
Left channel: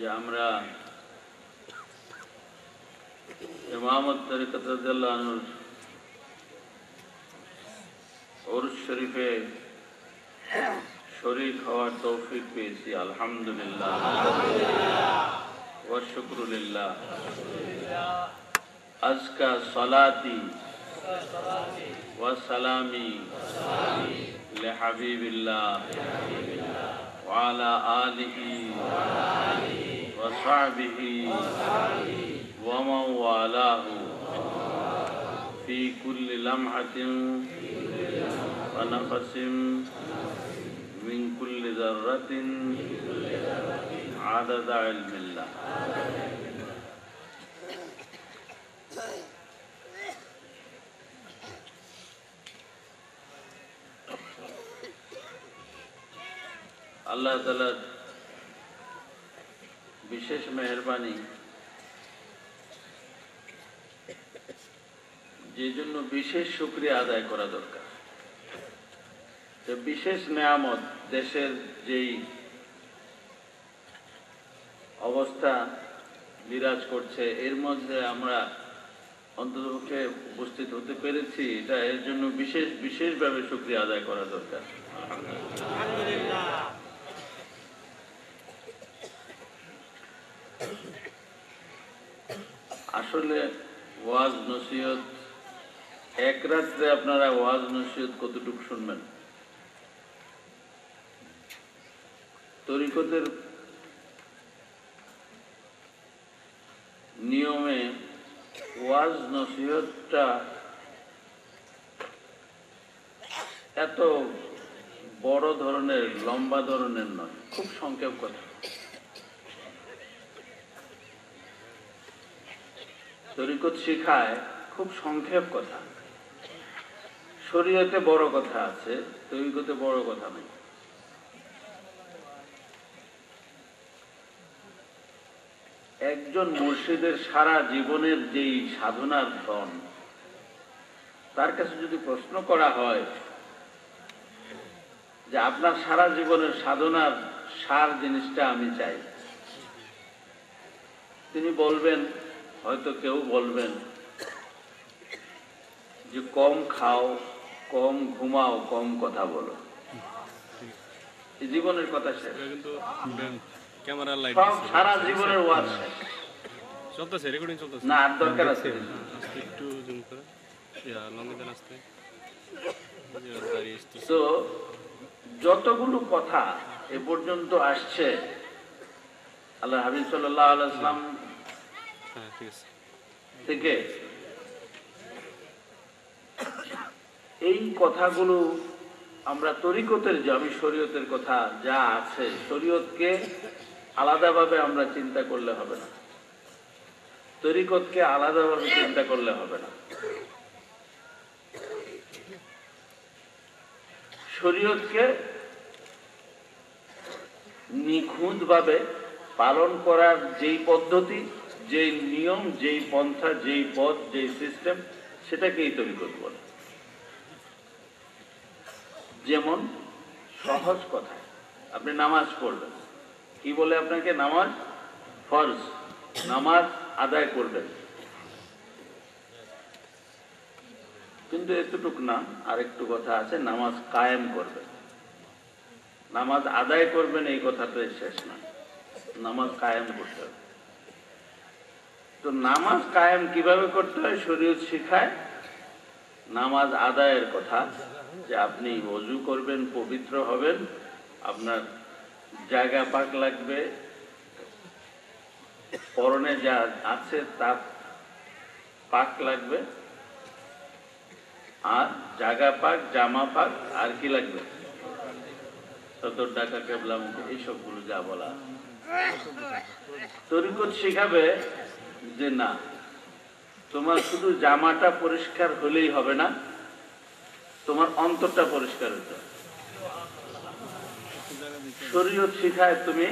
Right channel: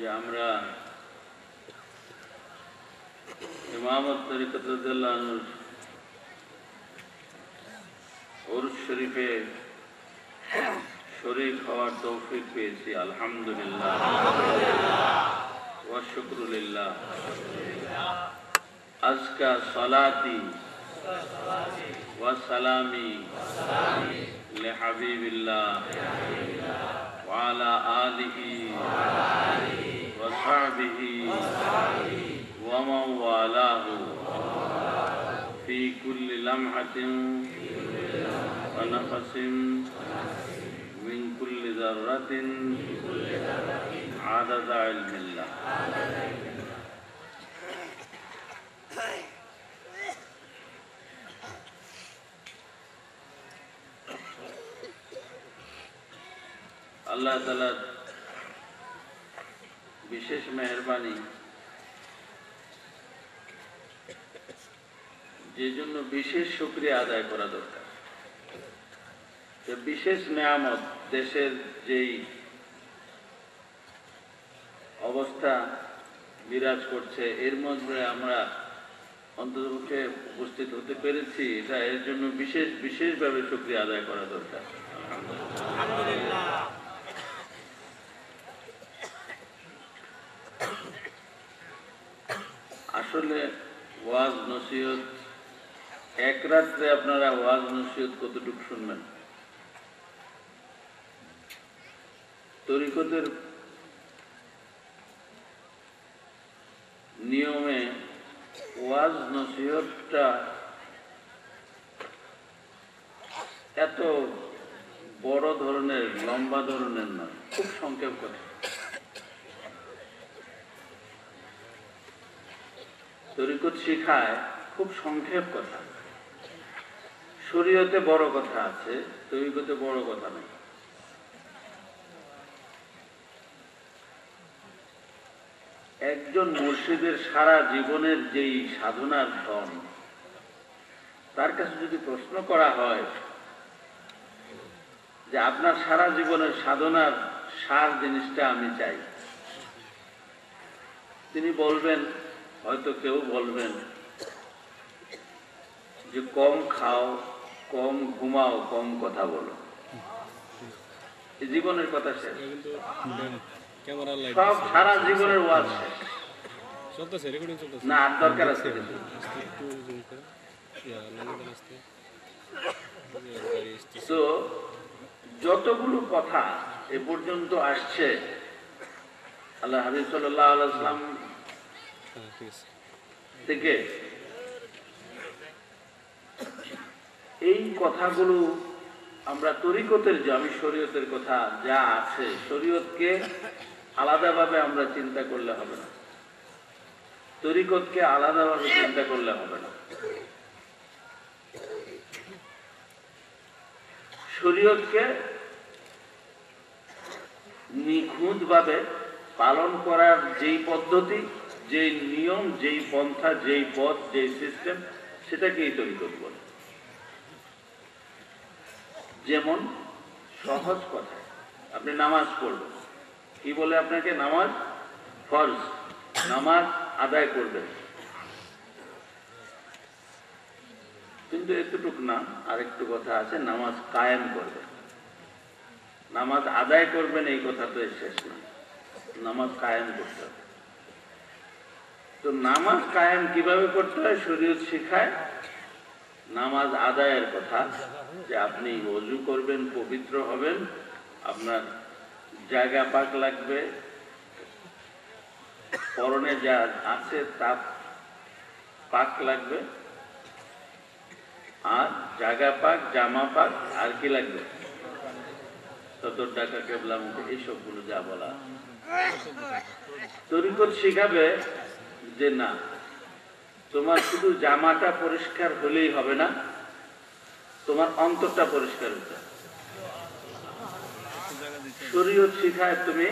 যে আমরা ইমামত তরিকত রাদিয়াল্লাহু আনহুর উরুস শরীফে শরীক হওয়ার তৌফিক পেয়েছি, আলহামদুলিল্লাহ ওয়া শুকরুলিল্লাহ। আজকা সলাতি ওয়া সালামি লিহাবিবিল্লাহ ওয়া আলা আলিহি ওয়া সাহবিহি ওয়া মান ওয়ালাহু ফি কুল্লি লামহাতিন ওয়া নাফাসিন من كل ذرة عدد علم الله. আল্লাহ তাআলার বিশেষ মেহেরবানি, যে জন্য বিশেষ শুকরিয়া আদায় করা দরকার। বিশেষ নেয়ামত, দেশের যেই অবস্থা বিরাজ করছে, এর মধ্যে আমরা অন্ততপক্ষে উপস্থিত হতে পেরেছি, এটা এর জন্য বিশেষভাবে শুকরিয়া আদায় করা দরকার। আসলে ওয়াজ নসিহত, এক রাত্রে আপনারা ওয়াজ নসিহত কতটুকু শুনবেন? তরিকতের নিয়মে ওয়াজ নসিহতটা এত বড় ধরনের, লম্বা ধরনের নয়, খুব সংক্ষেপ কথা। তরিকত শিখায় খুব সংক্ষেপ কথা। শরীয়তে বড় কথা আছে, তরিকতে বড় কথা নেই। একজন মুর্শিদের সারা জীবনের যেই সাধনার ধন, তার কাছে যদি প্রশ্ন করা হয় যে আপনার সারা জীবনের সাধনার সার জিনিসটা আমি চাই, তিনি বলবেন, হয়তো কেউ বলবেন যে কম খাও, কম ঘুমাও, কম কথা বলো। এই জীবনের কথা শেষ, সব সারা জীবনের ওয়াজ শেষ। না, আর দরকার আছে তো যতগুলো কথা এ পর্যন্ত আসছে, আল্লাহ হাবিব সাল্লাল্লাহু আলাইহি ওয়াসাল্লাম থেকে, এই কথাগুলো আমরা তরিকতের যে আমি শরীয়তের কথা যা আছে শরীয়তকে আলাদাভাবে আমরা চিন্তা করলে হবে না, তরিকতকে আলাদাভাবে চিন্তা করলে হবে না। শরীয়তকে নিখুঁতভাবে পালন করার যেই পদ্ধতি, যেই নিয়ম, যেই পন্থা, যেই পথ, যেই সিস্টেম, সেটাকেই তরিকত বলে। যেমন সহজ কথায় আপনি নামাজ পড়বেন, কি বলে আপনাকে? নামাজ ফরজ, নামাজ আদায় করবেন। কিন্তু এতটুক না, আরেকটু কথা আছে, নামাজ কায়েম করবেন। নামাজ আদায় করবেন এই কথাটা শেষ না, নামাজ কায়েম করতে হবে। তো নামাজ কায়েম কিভাবে করতে হয় শরীয়ত শিখায়। নামাজ আদায়ের কথা, যে আপনি ওযু করবেন, পবিত্র হবেন, আপনার জায়গা পাক লাগবে, পরনে যা আছে তা পাক লাগবে, আর জায়গা পাক, জামা পাক, আর কি লাগবে? সতর টাকা কেবলামুখী, এইসবগুলো যা বলা। তরিকত শিখাবে যে না, তোমার শুধু জামাটা পরিষ্কার হলেই হবে না, তোমার অন্তরটা পরিষ্কার হতে হবে। শরীয়ত শিখায় তুমি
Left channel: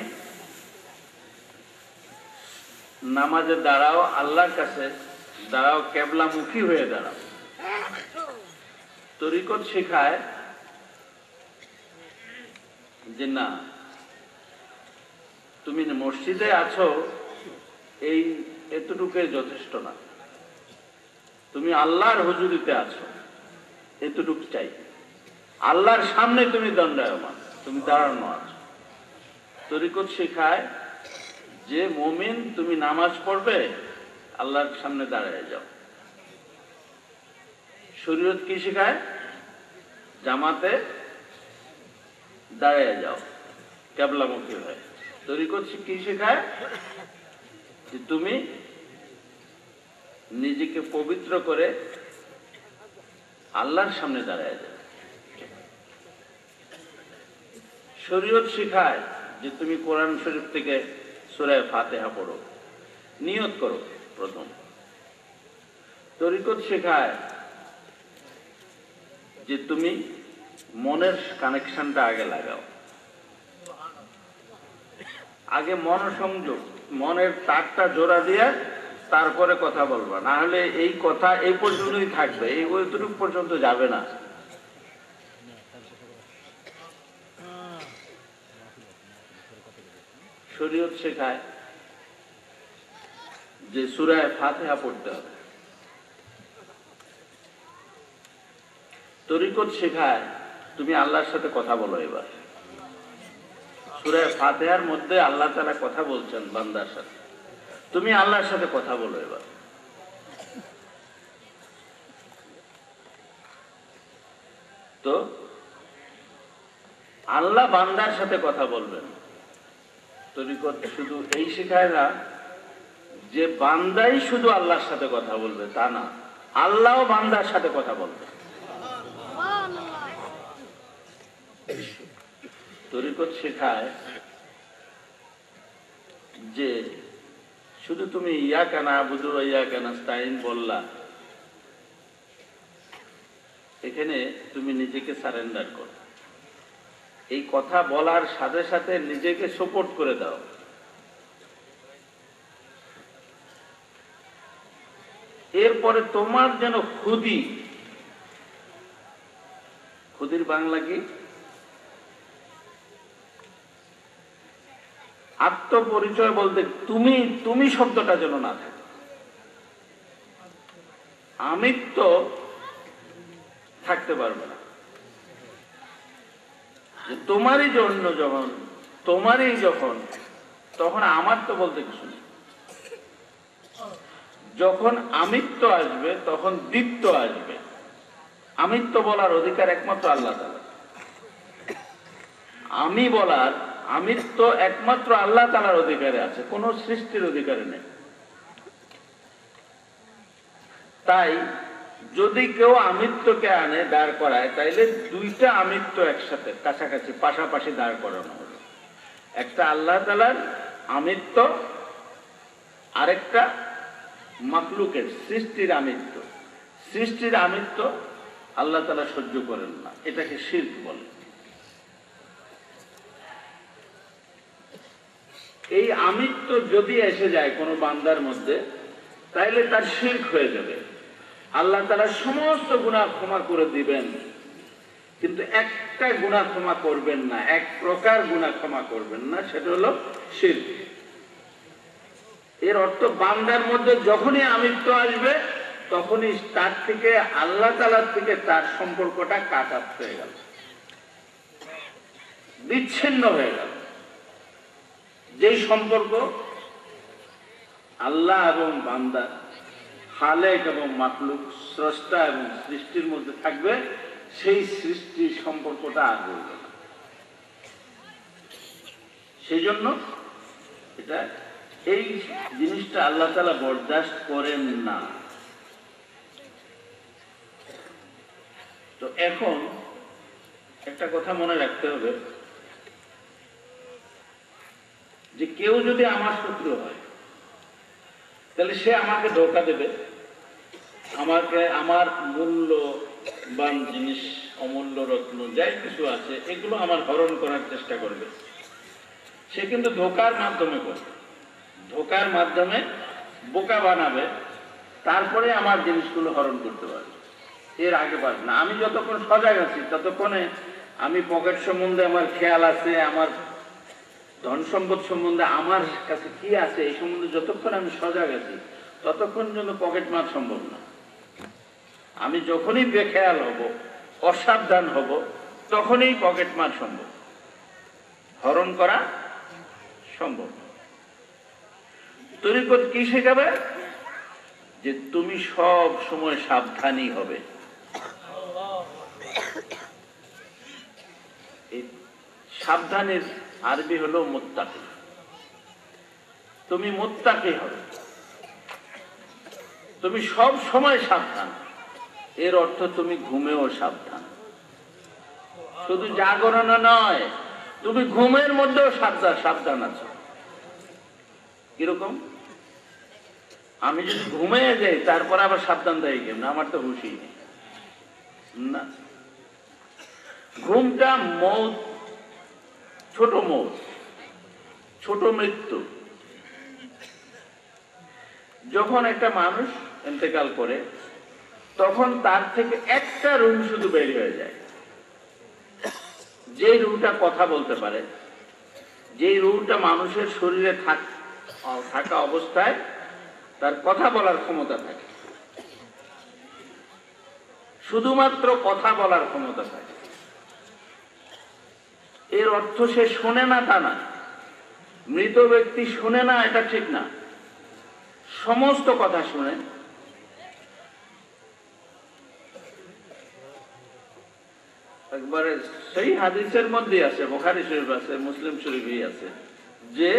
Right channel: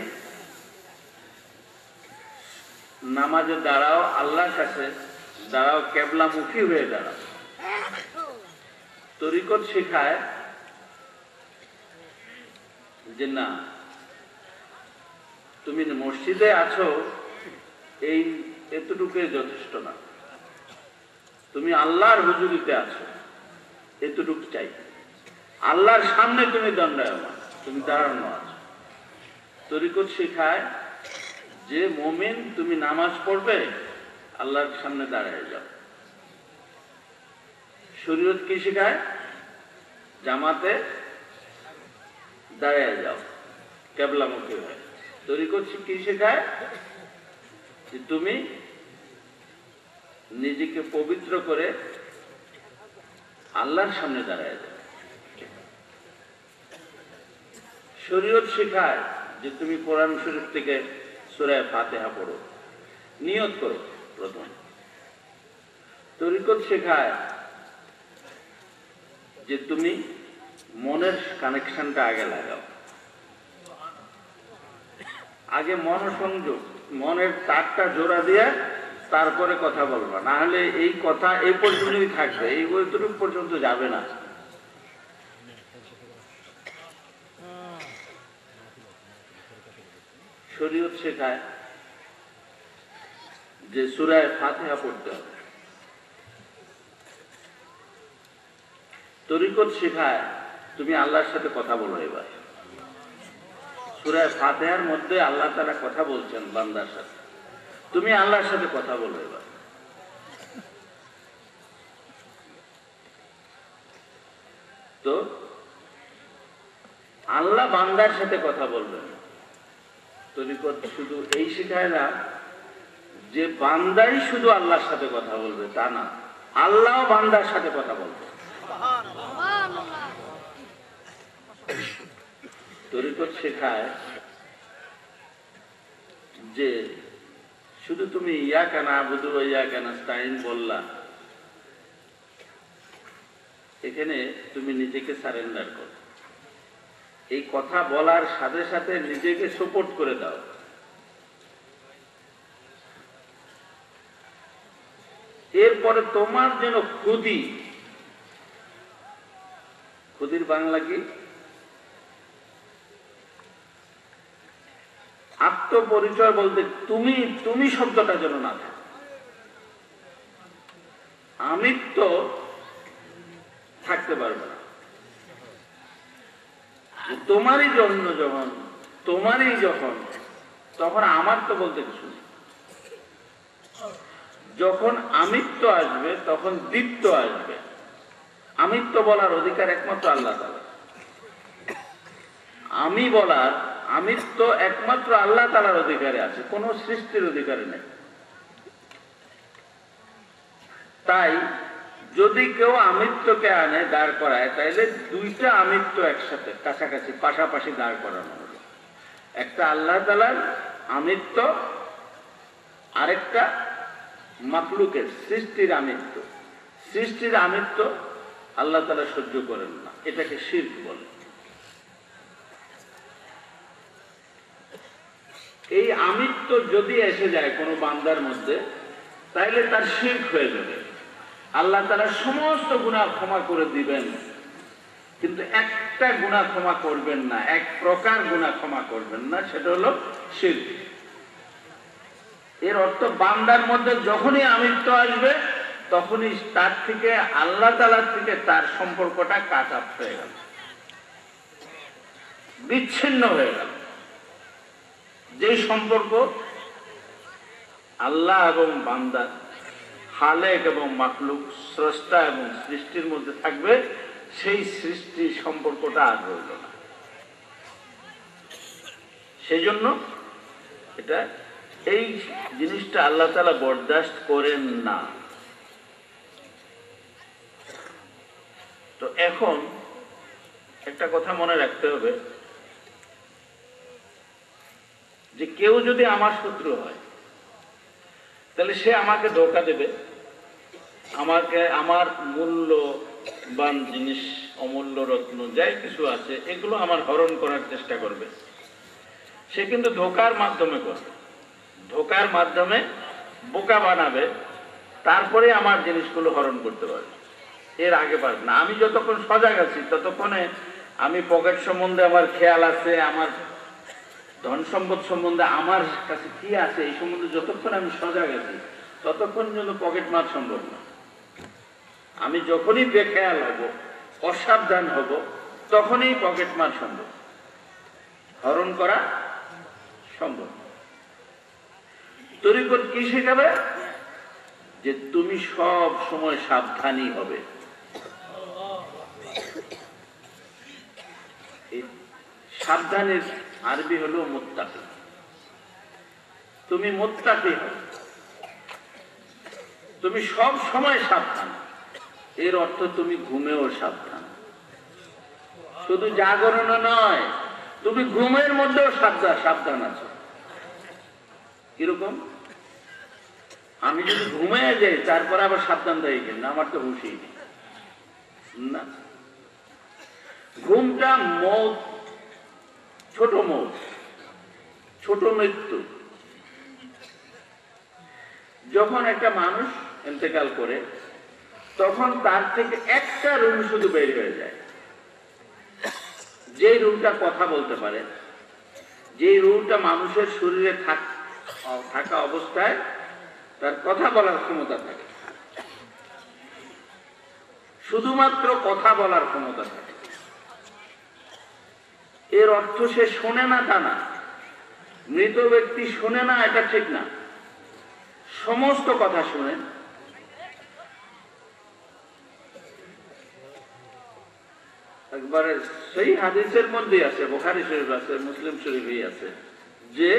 নামাজে দাঁড়াও, আল্লাহর কাছে দাঁড়াও, কেবলামুখী হয়ে দাঁড়াও। তরিকত শিখায় যে না, তুমি মসজিদে আছো এই এতটুকুই যথেষ্ট না, তুমি আল্লাহর হুজুরিতে আছো, এতটুকু চাই। আল্লাহর সামনে তুমি দণ্ডায়মান, তুমি দাঁড়ানো আছো। তরিকত শিখায় যে মুমিন, তুমি নামাজ পড়বে, আল্লাহর সামনে দাঁড়ায় যাও। শরীয়ত কি শিখায়? জামাতে দাঁড়ায় যাও, কেবলামুখী হয়। তরিকত কি শেখায়? যে তুমি নিজেকে পবিত্র করে আল্লাহর সামনে দাঁড়ায় যাও। শরীয়ত শেখায় যে তুমি কোরআন শরীফ থেকে সূরা ফাতিহা পড়ো, নিয়ত করো প্রথম। তরিকত শেখায় যে তুমি মনের কানেকশনটা আগে লাগাও, আগে মনোসংযোগ, মনের তারটা জোড়া দিয়ে তারপরে কথা বলবা, না হলে এই কথা এই পর্যন্তই থাকবে, এই ওইটুকু পর্যন্ত যাবে না। শরীয়ত শেখায় যে সূরা ফাতিহা পড়তে হবে। তরিকত শেখায় তুমি আল্লাহর সাথে কথা বলো। এবার সূরা ফাতিহার মধ্যে আল্লাহ তাআলা কথা বলছেন বান্দার সাথে, তুমি আল্লাহর সাথে কথা বলো। এবার তো আল্লাহ বান্দার সাথে কথা বলবেন। তরিকত শুধু এই শেখায় না যে বান্দাই শুধু আল্লাহর সাথে কথা বলবে, তা না, আল্লাহও বান্দার সাথে কথা বলবে। তরিকত শেখায় যে শুধু তুমি ইয়াকা না'বুদু ওয়া ইয়াকা নাস্তাইন বললা, এখানে তুমি নিজেকে সারেন্ডার করো। এই কথা বলার সাথে সাথে নিজেকে সাপোর্ট করে দাও। এরপরে তোমার যেন খুদির বাংলা কি? আত্মপরিচয় বলতে তুমি শব্দটা যেন না থাকে। আমিত্ব থাকতে পারবে না। তোমারই জন্য যখন তখন আমার তো বলতে কিছু নেই। যখন আমিত্ব আসবে তখন দ্বিত্ব আসবে। আমিত্ব বলার অধিকার একমাত্র আল্লাহ তাআলা। আমি বলার আমিত্ব একমাত্র আল্লাহ তাআলার অধিকারে আছে, কোন সৃষ্টির অধিকারে নেই। তাই যদি কেউ আমিত্বকে আনে দাঁড় করায়, তাইলে দুইটা আমিত্ব একসাথে কাছাকাছি পাশাপাশি দাঁড় করানো হবে। একটা আল্লাহ তাআলার আমিত্ব, আরেকটা মাখলুকের সৃষ্টির আমিত্ব। সৃষ্টির আমিত্ব আল্লাহ তাআলা সহ্য করেন না, এটাকে শিরক বলে। এই আমিত্ব যদি এসে যায় কোনো বান্দার মধ্যে, তাইলে তার শিরক হয়ে যাবে। আল্লাহ তাআলা সমস্ত গুনাহ ক্ষমা করে দিবেন, কিন্তু একটা গুনাহ ক্ষমা করবেন না, এক প্রকার গুনাহ ক্ষমা করবেন না, সেটা হলো শিরক। এর অর্থ বান্দার মধ্যে যখনই আমিত্ব আসবে, তখনই তার থেকে আল্লাহ তাআলার থেকে তার সম্পর্কটা কাট অফ হয়ে গেল, বিচ্ছিন্ন হয়ে গেল। যেই সম্পর্ক আল্লাহ এবং বান্দা, খালেক এবং মাখলুক, স্রষ্টা এবং সৃষ্টির মধ্যে থাকবে, সেই সৃষ্টির সম্পর্কটা আর রইল না। সেই জন্য এটা এই জিনিসটা আল্লাহ তাআলা বরদাস্ত করেন না। তো এখন একটা কথা মনে রাখতে হবে যে কেউ যদি আমার শত্রু হয়, তাহলে সে আমাকে ধোঁকা দেবে, আমাকে আমার মূল্যবান জিনিস, অমূল্য রত্ন যাই কিছু আছে, এগুলো আমার হরণ করার চেষ্টা করবে। সে কিন্তু ধোঁকার মাধ্যমে করবে, ধোঁকার মাধ্যমে বোকা বানাবে, তারপরে আমার জিনিসগুলো হরণ করতে পারবে। এর আগে পারবে না। আমি যতক্ষণ সজাগ আছি, ততক্ষণে আমি পকেট সম্বন্ধে আমার খেয়াল আছে, আমার ধন সম্পদ সম্বন্ধে আমার কাছে কি আছে এই সম্বন্ধে যতক্ষণ আমি সজাগ আছি, ততক্ষণ জন্য পকেট মার সম্ভব না। আমি যখনই বেখেয়াল হব, অসাবধান হব, তখনই পকেট মার সম্ভব, হরণ করা সম্ভব। তরিকত কি শেখাবে? যে তুমি সব সময় সাবধানী হবে। সাবধানের আরবি হলো মুত্তাকি। তুমি মুত্তাকি হবে, তুমি সব সময় সাবধান। এর অর্থ তুমি ঘুমেও সাবধান, শুধু জাগরণে নয়, তুমি ঘুমের মধ্যেও সাবধান আছো। কিরকম? আমি যদি ঘুমিয়ে যাই, তারপরে আবার সাবধান দেয় কেন? আমার তো হুঁশই নেই না। ঘুমটা মৌত, ছোট মৌত, ছোট মৃত্যু। যখন একটা মানুষ ইন্তেকাল করে, তখন তার থেকে একটা রুম শুধু বের হয়ে যায়, যে রুমটা কথা বলতে পারে, যে রুমটা মানুষের শরীরে থাকা অবস্থায় তার কথা বলার ক্ষমতা থাকে, শুধুমাত্র কথা বলার ক্ষমতা থাকে। এর অর্থ সে শোনে না তা না, মৃত ব্যক্তি শোনে না এটা ঠিক না, সমস্ত কথা শুনে। একবারে সেই হাদিসের মধ্যে আছে, বুখারী শরীফ আছে, মুসলিম শরীফই আছে, যে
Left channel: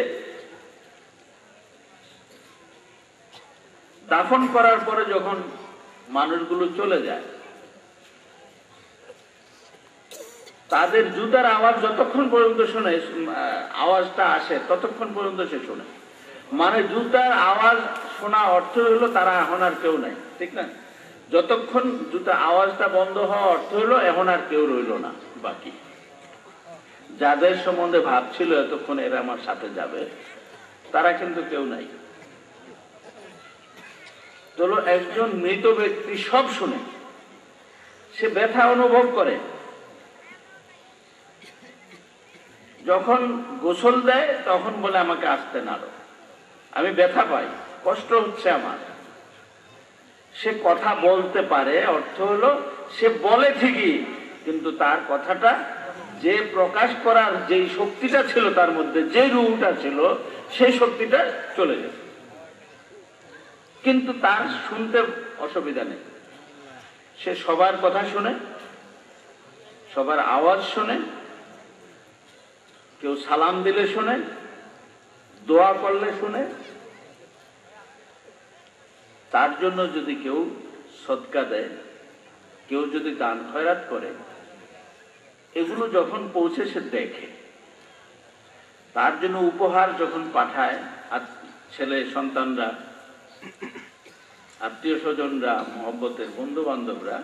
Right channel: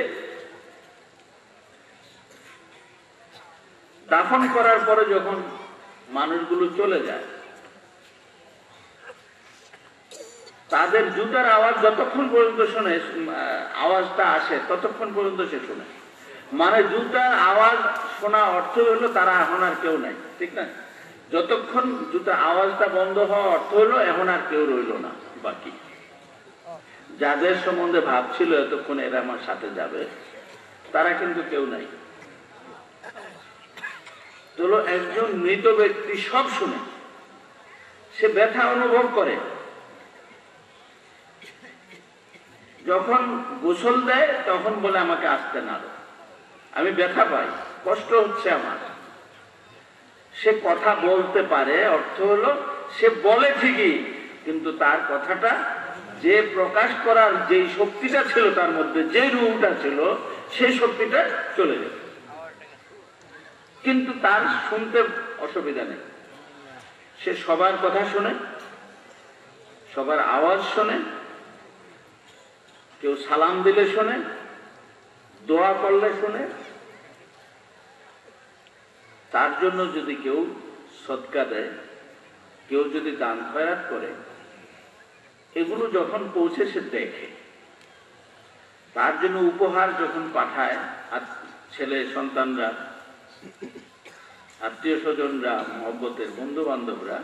দাফন করার পরে যখন মানুষগুলো চলে যায়, তাদের জুতার আওয়াজ যতক্ষণ পর্যন্ত শুনে, আওয়াজটা আসে ততক্ষণ পর্যন্ত সে শুনে। মানে জুতার আওয়াজ শোনা অর্থ হলো তারা এখন আর কেউ নাই, ঠিক না? যতক্ষণ জুতার আওয়াজটা বন্ধ হওয়া অর্থ হলো এখন আর কেউ রইল না বাকি। যাদের সম্বন্ধে ভাবছিল এতক্ষণ এরা আমার সাথে যাবে, তারা কিন্তু কেউ নাই। চলো, একজন মৃত ব্যক্তি সব শুনে, সে ব্যথা অনুভব করে। যখন গোসল দেয় তখন বলে আমাকে আসতে না, আমি ব্যথা পাই, কষ্ট হচ্ছে আমার। সে কথা বলতে পারে, অর্থ হলো সে বলে ঠিকই, কিন্তু তার কথাটা যে প্রকাশ করার যেই শক্তিটা ছিল তার মধ্যে, যে রূপটা ছিল, সেই শক্তিটা চলে যায়। কিন্তু তার শুনতে অসুবিধা নেই, সে সবার কথা শুনে, সবার আওয়াজ শুনে, কেউ সালাম দিলে শুনে, দোয়া করলে শুনে। তার জন্য যদি কেউ সদকা দেয়, কেউ যদি দান খয়রাত করে, এগুলো যখন পৌঁছে সে দেখে, তার জন্য উপহার যখন পাঠায় আর ছেলে সন্তানরা, আত্মীয় স্বজনরা, মহব্বতের বন্ধু বান্ধবরা,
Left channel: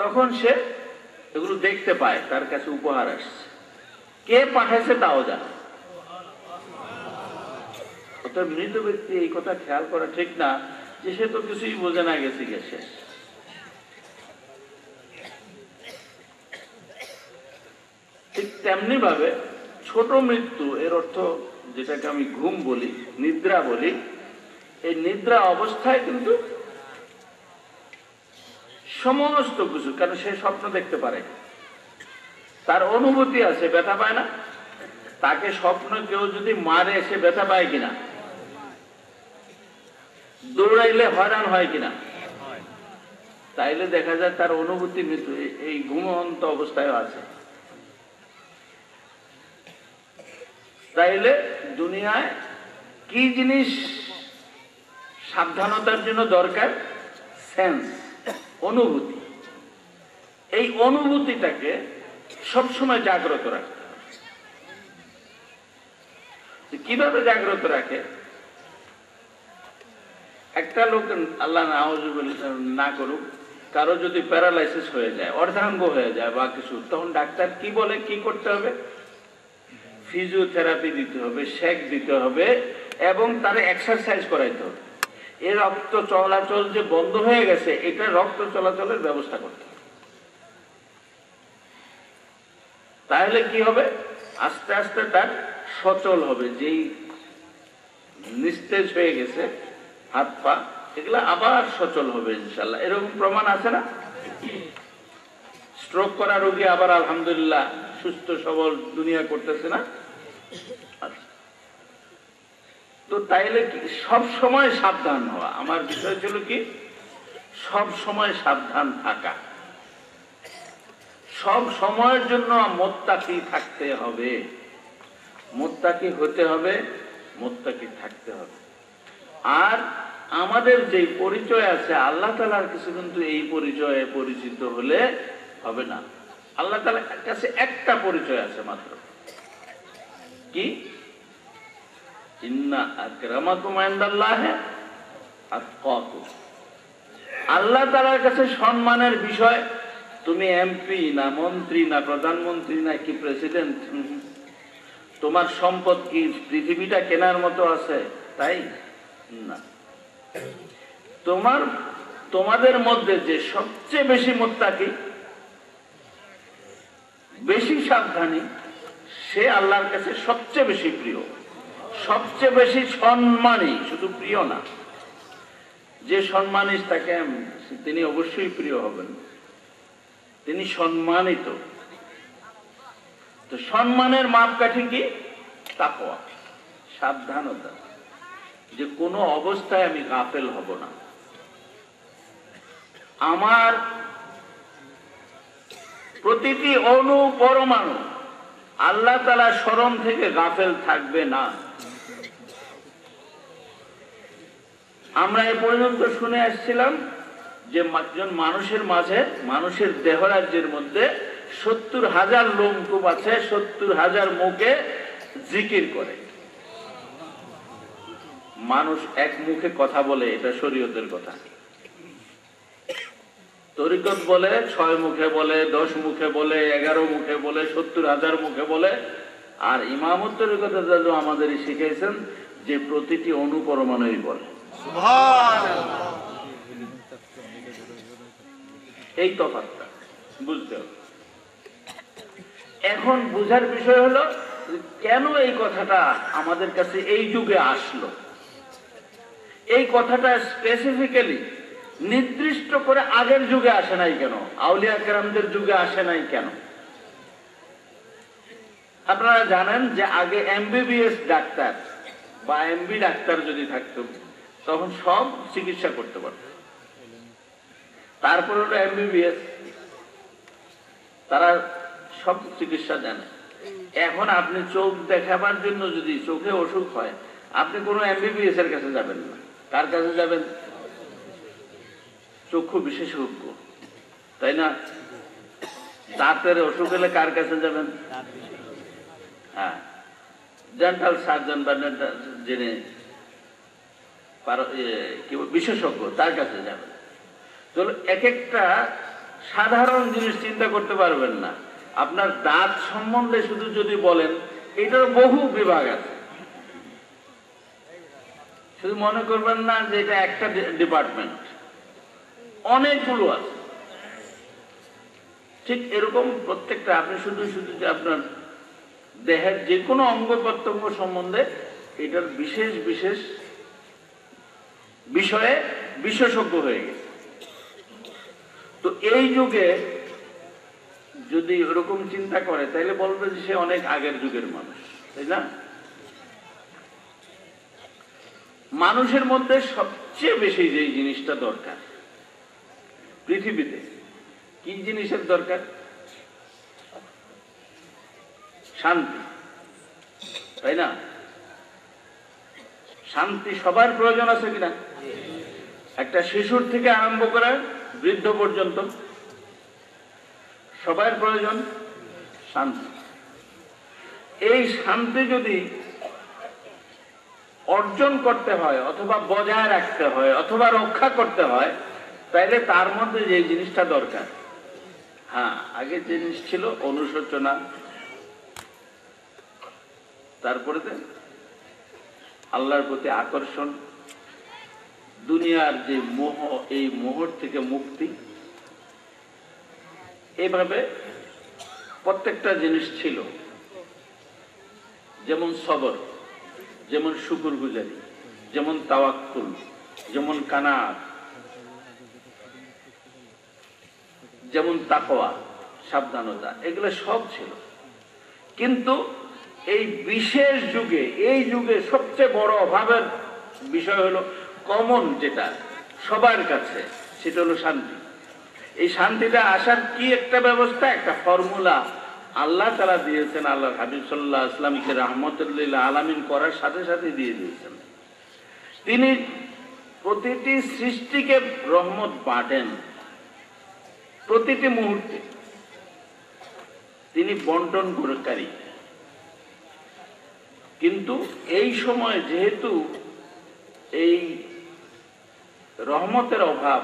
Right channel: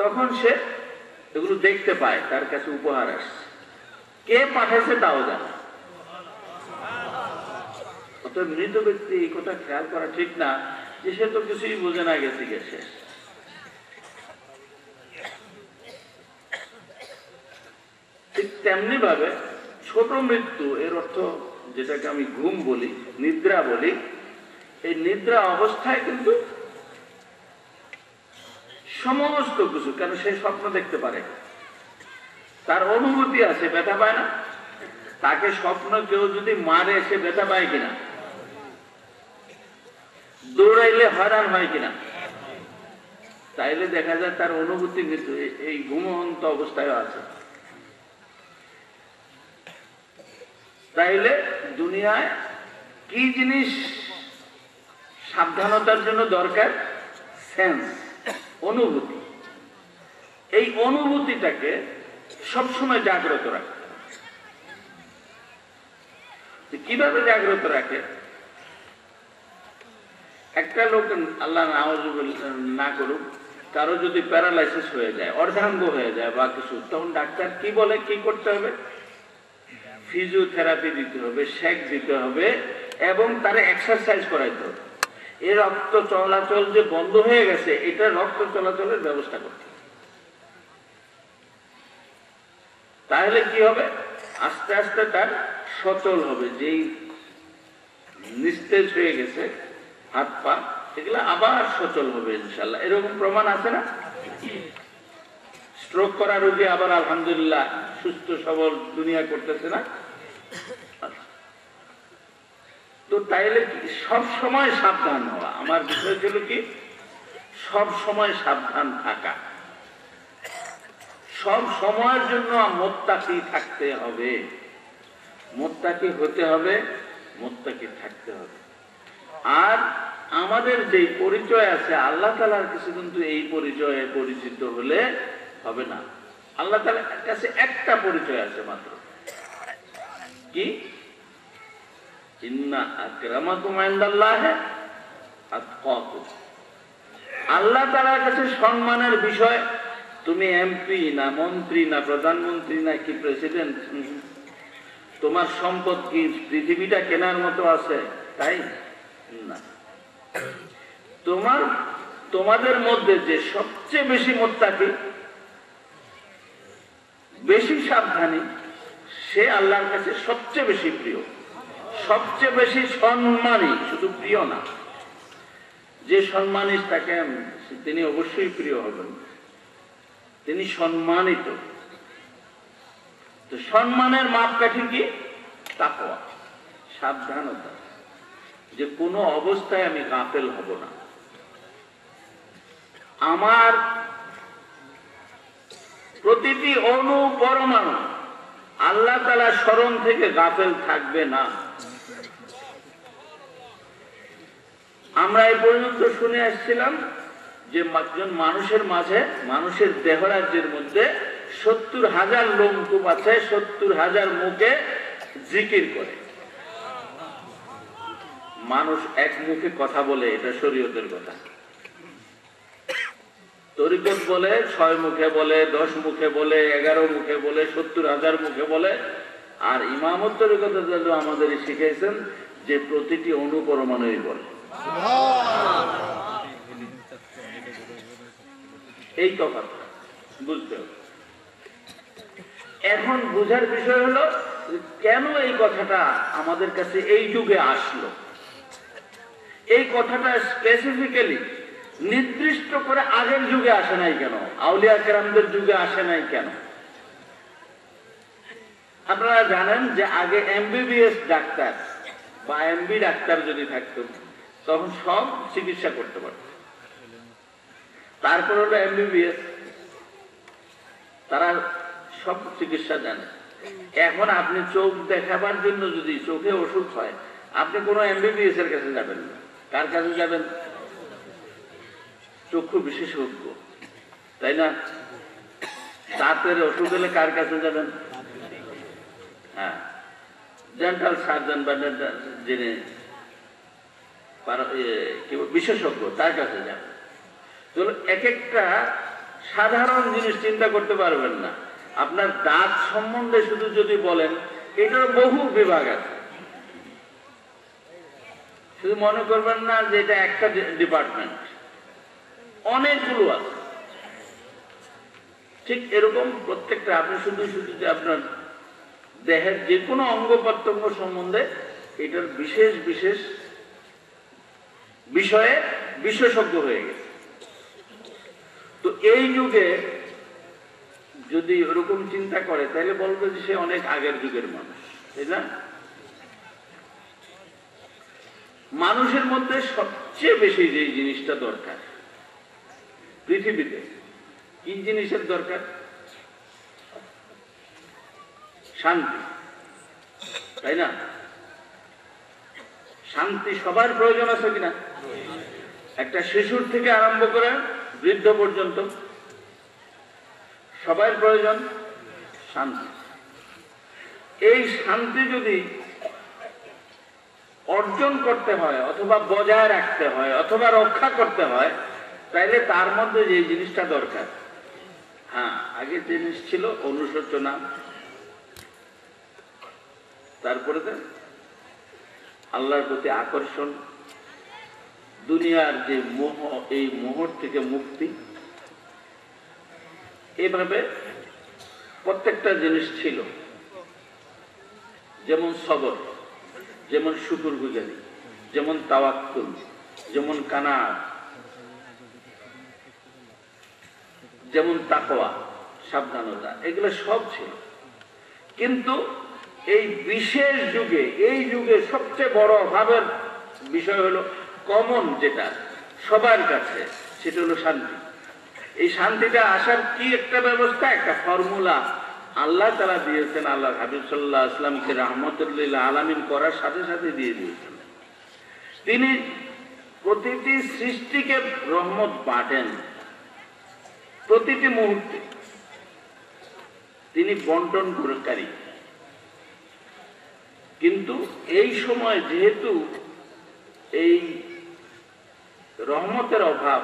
তখন সে এগুলো দেখতে পায় তার কাছে উপহার আসছে, কে পাঠাচ্ছে তাও জানে। অর্থাৎ মৃত ব্যক্তি এই কথা খেয়াল করা ঠিক না যে সে তো কিছুই বোঝে না, গেছে গেছে। ঠিক তেমনি ভাবে ছোট মৃত্যু, এর অর্থ যেটাকে আমি ঘুম বলি, নিদ্রা বলি, এই নিদ্রা অবস্থায় কিন্তু সমস্ত কিছু, কেন সে স্বপ্ন দেখতে পারে, তার অনুভূতি আছে, ব্যথা পায় না? তাকে স্বপ্ন কেউ যদি মারে সে ব্যথা পায় কিনা? দৌড়াইলে হয়রান হয় কিনা? তাইলে দেখা যায় তার অনুভূতি কিন্তু এই ঘুমন্ত অবস্থায় আছে। তাইলে দুনিয়ায় কি জিনিস সাবধানতার জন্য দরকার? সেন্স, অনুভূতি। এই অনুভূতিটাকে সবসময় জাগ্রত রাখে। কিভাবে জাগ্রত রাখে? একটা লোক, আল্লাহ না করুক, কারো যদি প্যারালাইসিস হয়ে যায়, অর্ধাঙ্গ হয়ে যায় বা কিছু, তখন ডাক্তার কি বলে, কি করতে হবে? ফিজিওথেরাপি দিতে হবে, শেক দিতে হবে এবং তার এক্সারসাইজ করাইতে হবে। এই রক্ত চলাচল যে বন্ধ হয়ে গেছে, এটা রক্ত চলাচলের ব্যবস্থা করতে হবে। তাহলে কি হবে? আস্তে আস্তে তার সচল হবে। যেই নিস্তেজ হয়ে গেছে হাত পা, এগুলো আবার সচল হবে ইনশাল্লাহ। এরকম প্রমাণ আছে না? স্ট্রোক করা রোগী আবার আলহামদুলিল্লাহ সুস্থ সবল দুনিয়া করতেছে না? তো তাইলে কি সব সময় সাবধান হওয়া। আমার বিষয় ছিল কি, সব সময় সাবধান থাকা, সব সময়ের জন্য মুত্তাকি থাকতে হবে, মুত্তাকি হতে হবে, মুত্তাকি থাকতে হবে। আর আমাদের যে পরিচয় আছে আল্লাহ তাআলার কাছে, কিন্তু এই পরিচয়ে পরিচিত হলে হবে না। আল্লাহ তাআলার কাছে একটা পরিচয় আছে মাত্র, কি? ইন্না আকরামাকুম ইনদাল্লাহি আতকাকুম। আল্লাহ তাআলার কাছে সম্মানের বিষয় তুমি এমপি না, মন্ত্রী না, প্রধানমন্ত্রী না, কি প্রেসিডেন্ট, তোমার সম্পদ কি পৃথিবীটা কেনার মতো আছে তাই না। তোমাদের মধ্যে যে সবচেয়ে বেশি মুত্তাকি, বেশি সাবধানী, সে আল্লাহর কাছে সবচেয়ে বেশি প্রিয়, সবচেয়ে বেশি সম্মানী। শুধু প্রিয় না, যে সম্মানী তাকে তিনি অবশ্যই প্রিয় হবেন, তিনি সম্মানিত। তো সম্মানের মাপকাঠি কি? তাকওয়া, সাবধানতা, যে কোনো অবস্থায় আমি গাফেল হব না। আমার প্রতিটি অণু পরমাণু আল্লাহ তাআলার স্মরণ থেকে গাফেল থাকবে না। আমরা এই পর্যন্ত শুনে আসছিলাম যে একজন মানুষের মাঝে, মানুষের দেহরাজ্যের মধ্যে 70,000 লোমকূপ আছে, 70,000 মুখে জিকির করে। মানুষ এক মুখে কথা বলে, এটা শরীয়তের কথা। তরিকত বলে 6 মুখে বলে, 10 মুখে বলে, 11 মুখে বলে, 70,000 মুখে বলে। আর ইমামত তরিকত আমাদের শিখিয়েছেন যে প্রতিটি অণু পরমাণুই বলে। এই তফাৎটা বুঝতে হবে। এখন বুঝার বিষয় হলো কেন এই কথাটা আমাদের কাছে এই যুগে আসলো। এই কথাটা স্পেসিফিক্যালি নির্দিষ্ট করে আগের যুগে আসে নাই কেন, আউলিয়া কেরামদের যুগে আসে নাই কেন? আপনারা জানেন যে আগে এমবিবিএস ডাক্তার বা এমবি ডাক্তার যদি থাকতো, তখন সব চিকিৎসা করতে পারত। তারপর হলো এমবিবিএস, তারা সব চিকিৎসা জানে। এখন আপনি চোখ দেখাবার জন্য যদি চোখে অসুখ হয়, আপনি কোনো এমবিবিএস এর কাছে যাবেন না। কার কাছে যাবেন? চক্ষু বিশেষজ্ঞ, তাই না? দাঁতের অসুখ হলে কার কাছে যাবেন? হ্যাঁ, ডেন্টাল সার্জন বা যিনি বিশেষজ্ঞ তার কাছে যাবেন। তো এক একটা সাধারণ জিনিস চিন্তা করতে পারবেন না। আপনার দাঁত সম্বন্ধে শুধু যদি বলেন, এটার বহু বিভাগ আছে। শুধু মনে করবেন না যে এটা একটা ডিপার্টমেন্ট, অনেকগুলো আছে। ঠিক এরকম প্রত্যেকটা, আপনি শুধু শুধু যে আপনার দেহের যে কোনো অঙ্গ প্রত্যঙ্গ সম্বন্ধে এটার বিশেষ বিশেষ বিষয়ে বিশেষজ্ঞ হয়ে গেছে। তো এই যুগে যদি ওরকম চিন্তা করে তাহলে বলবে যে সে অনেক আগের যুগের মানুষ, তাই না? মানুষের মধ্যে সবচেয়ে বেশি যে জিনিসটা দরকার পৃথিবীতে, কি জিনিসের দরকার? শান্তি, তাই না? শান্তি সবার প্রয়োজন আছে কিনা? একটা শিশুর থেকে আরম্ভ করে বৃদ্ধ পর্যন্ত সবার প্রয়োজন শান্তি। এই শান্তি যদি অর্জন করতে হয় অথবা বজায় রাখতে হয় অথবা রক্ষা করতে হয়, তাইলে তার মধ্যে যে জিনিসটা দরকার, হ্যাঁ, আগে জিনিস ছিল অনুশোচনা, তারপরে আল্লাহর প্রতি আকর্ষণ, দুনিয়ার যে মোহ, এই মোহর থেকে মুক্তি, এভাবে প্রত্যেকটা জিনিস ছিল। যেমন সবর, যেমন শুকরগুজারি, যেমন তাওয়াক্কুল, যেমন কানাত, যেমন তাকওয়া, সাবধানতা, এগুলো সব ছিল। কিন্তু এই বিশেষ যুগে, এই যুগে সবচেয়ে বড় অভাবের বিষয় হলো কমন, যেটা সবার কাছে, সেটা হলো শান্তি। এই শান্তিটা আসার কি একটা ব্যবস্থা, একটা ফর্মুলা আল্লাহ তাআলা দিয়েছেন। আল্লাহ হাবিব সাল্লাল্লাহু আলাইহি ওয়াসাল্লামকে রাহমাতুল আলামিন করার সাথে সাথে দিয়ে দিয়েছেন। তিনি প্রতিটি সৃষ্টিকে রহমত বাটেন, প্রতিটি মুহূর্তে তিনি বন্টন করেকারী। কিন্তু এই সময় যেহেতু এই রহমতের অভাব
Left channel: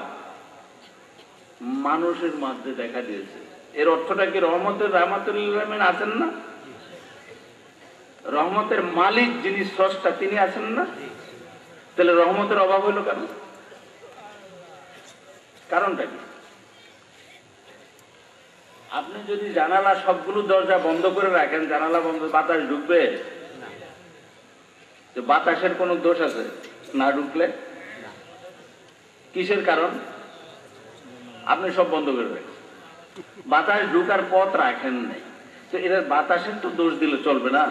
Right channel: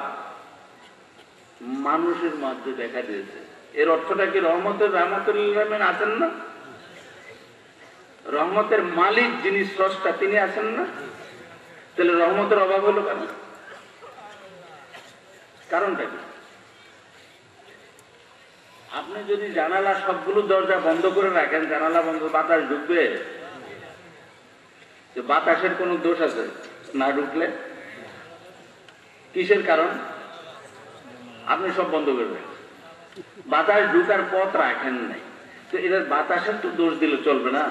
মানুষের মধ্যে দেখা দিয়েছে, এর অর্থটা কি রহমতের রাহমাতুল্লাহ আছেন না? রহমতের মালিক যিনি স্রষ্টা, তিনি আছেন না? তাহলে রহমতের অভাব হলো কেন? কারণটা কি? আপনি যদি জানালা সবগুলো দরজা বন্ধ করে রাখেন, জানালা বন্ধ, বাতাস ঢুকবে? বাতাসের কোন দোষ আছে না ঢুকলে? কিসের কারণ? আপনি সব বন্ধ করবেন, বাতাস ঢুকার পথ রাখেন নাই, তো এটা বাতাসের তো দোষ দিলে চলবে না।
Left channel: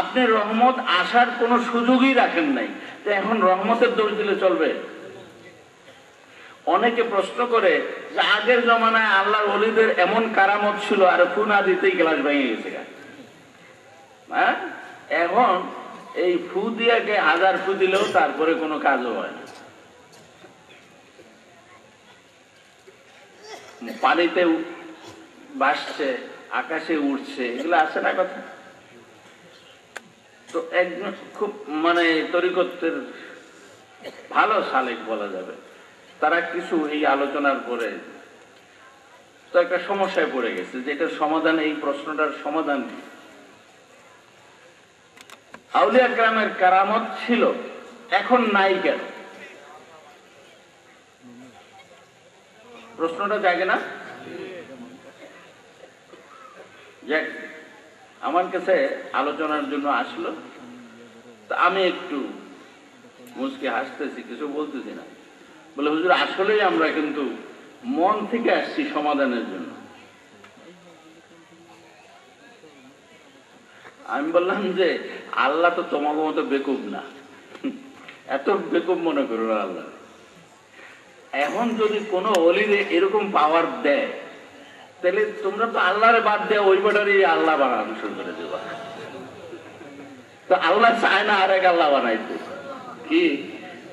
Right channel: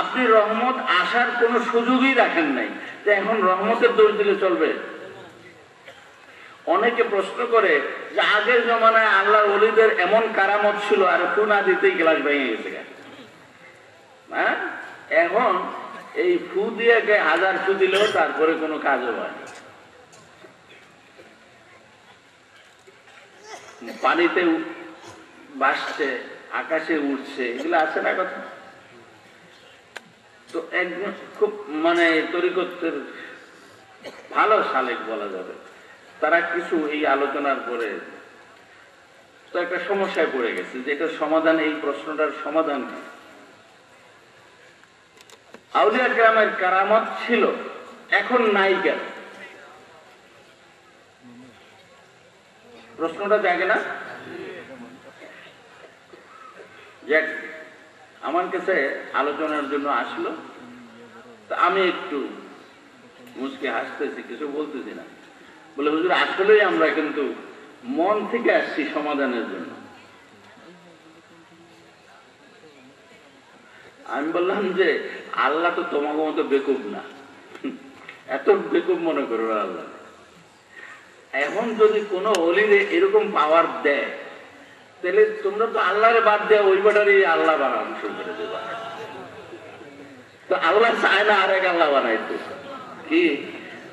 আপনি রহমত আসার কোন সুযোগই রাখেন নাই, তো এখন রহমতের দোষ দিলে চলবে? অনেকে প্রশ্ন করে যে আগের জমানায় আল্লাহর ওলিদের এমন কারামত ছিল, আর ফু না দিতেই গ্লাস ভেঙে গেছে। হ্যাঁ, এখন এই ফু দিয়ে 1000 ফু দিলেও তারপরে কোনো কাজও হয় না। পানিতে ভাসছে, আকাশে উঠছে, এগুলো আছে না কথা? তো একদম খুব তরিকতের ভালো সালেক বলা যাবে, তারা কিছু এই আলোচনার পরে তো একটা সমস্যায় পড়ে গেছে যে এটার সমাধান, এই প্রশ্নটার সমাধান কি? আউলিয়া কেরামের কারামত ছিল, এখন নাই কেন? প্রশ্নটা জাগে না? আমার কাছে আলোচনার জন্য আসলো, তা আমি একটু মুচকে হাসতেছি, কিছু বলতেছি না। বলে, হুজুর আসলেই আমরা কিন্তু মন থেকে আসছি সমাধানের জন্য। আমি বললাম যে আল্লাহ তো তোমার মতো বেকুব না, এত বেকুব মনে করো না আল্লাহ। এখন যদি কোনো ওলিরে এরকম পাওয়ার দেয়, তাহলে তোমরা তো আল্লাহরে বাদ দেয় ওই বাটারই আল্লাহ বানানো শুরু করে দেবা। তো আল্লাহ চায় না আরেক আল্লাহ বানাইতো। কি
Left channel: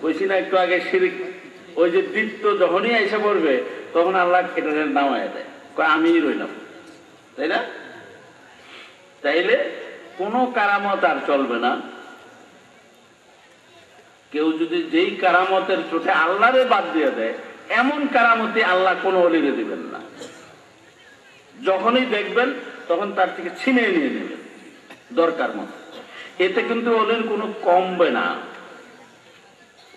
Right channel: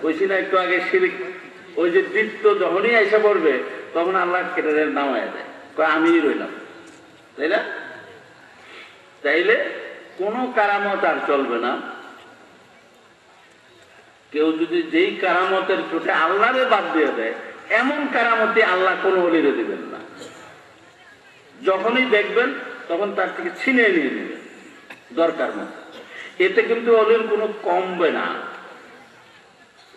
কইছি না একটু আগে, শিরিক ওই যে দীপ্ত যখনই এসে পড়বে তখন আল্লাহ কেটে নামায় দেয়, আমি রইলাম, তাই না? তাইলে কোনো কারামত আর চলবে না। কেউ যদি যেই কারামতের চোখে আল্লাহরে বাদ দিয়ে দেয়, এমন কারামতি আল্লাহ কোনো অলিরে দিবেন না। যখনই দেখবেন তখন তার থেকে ছিনিয়ে নিয়ে নেবেন দরকার মতো। এতে কিন্তু অলির কোনো কমবে না,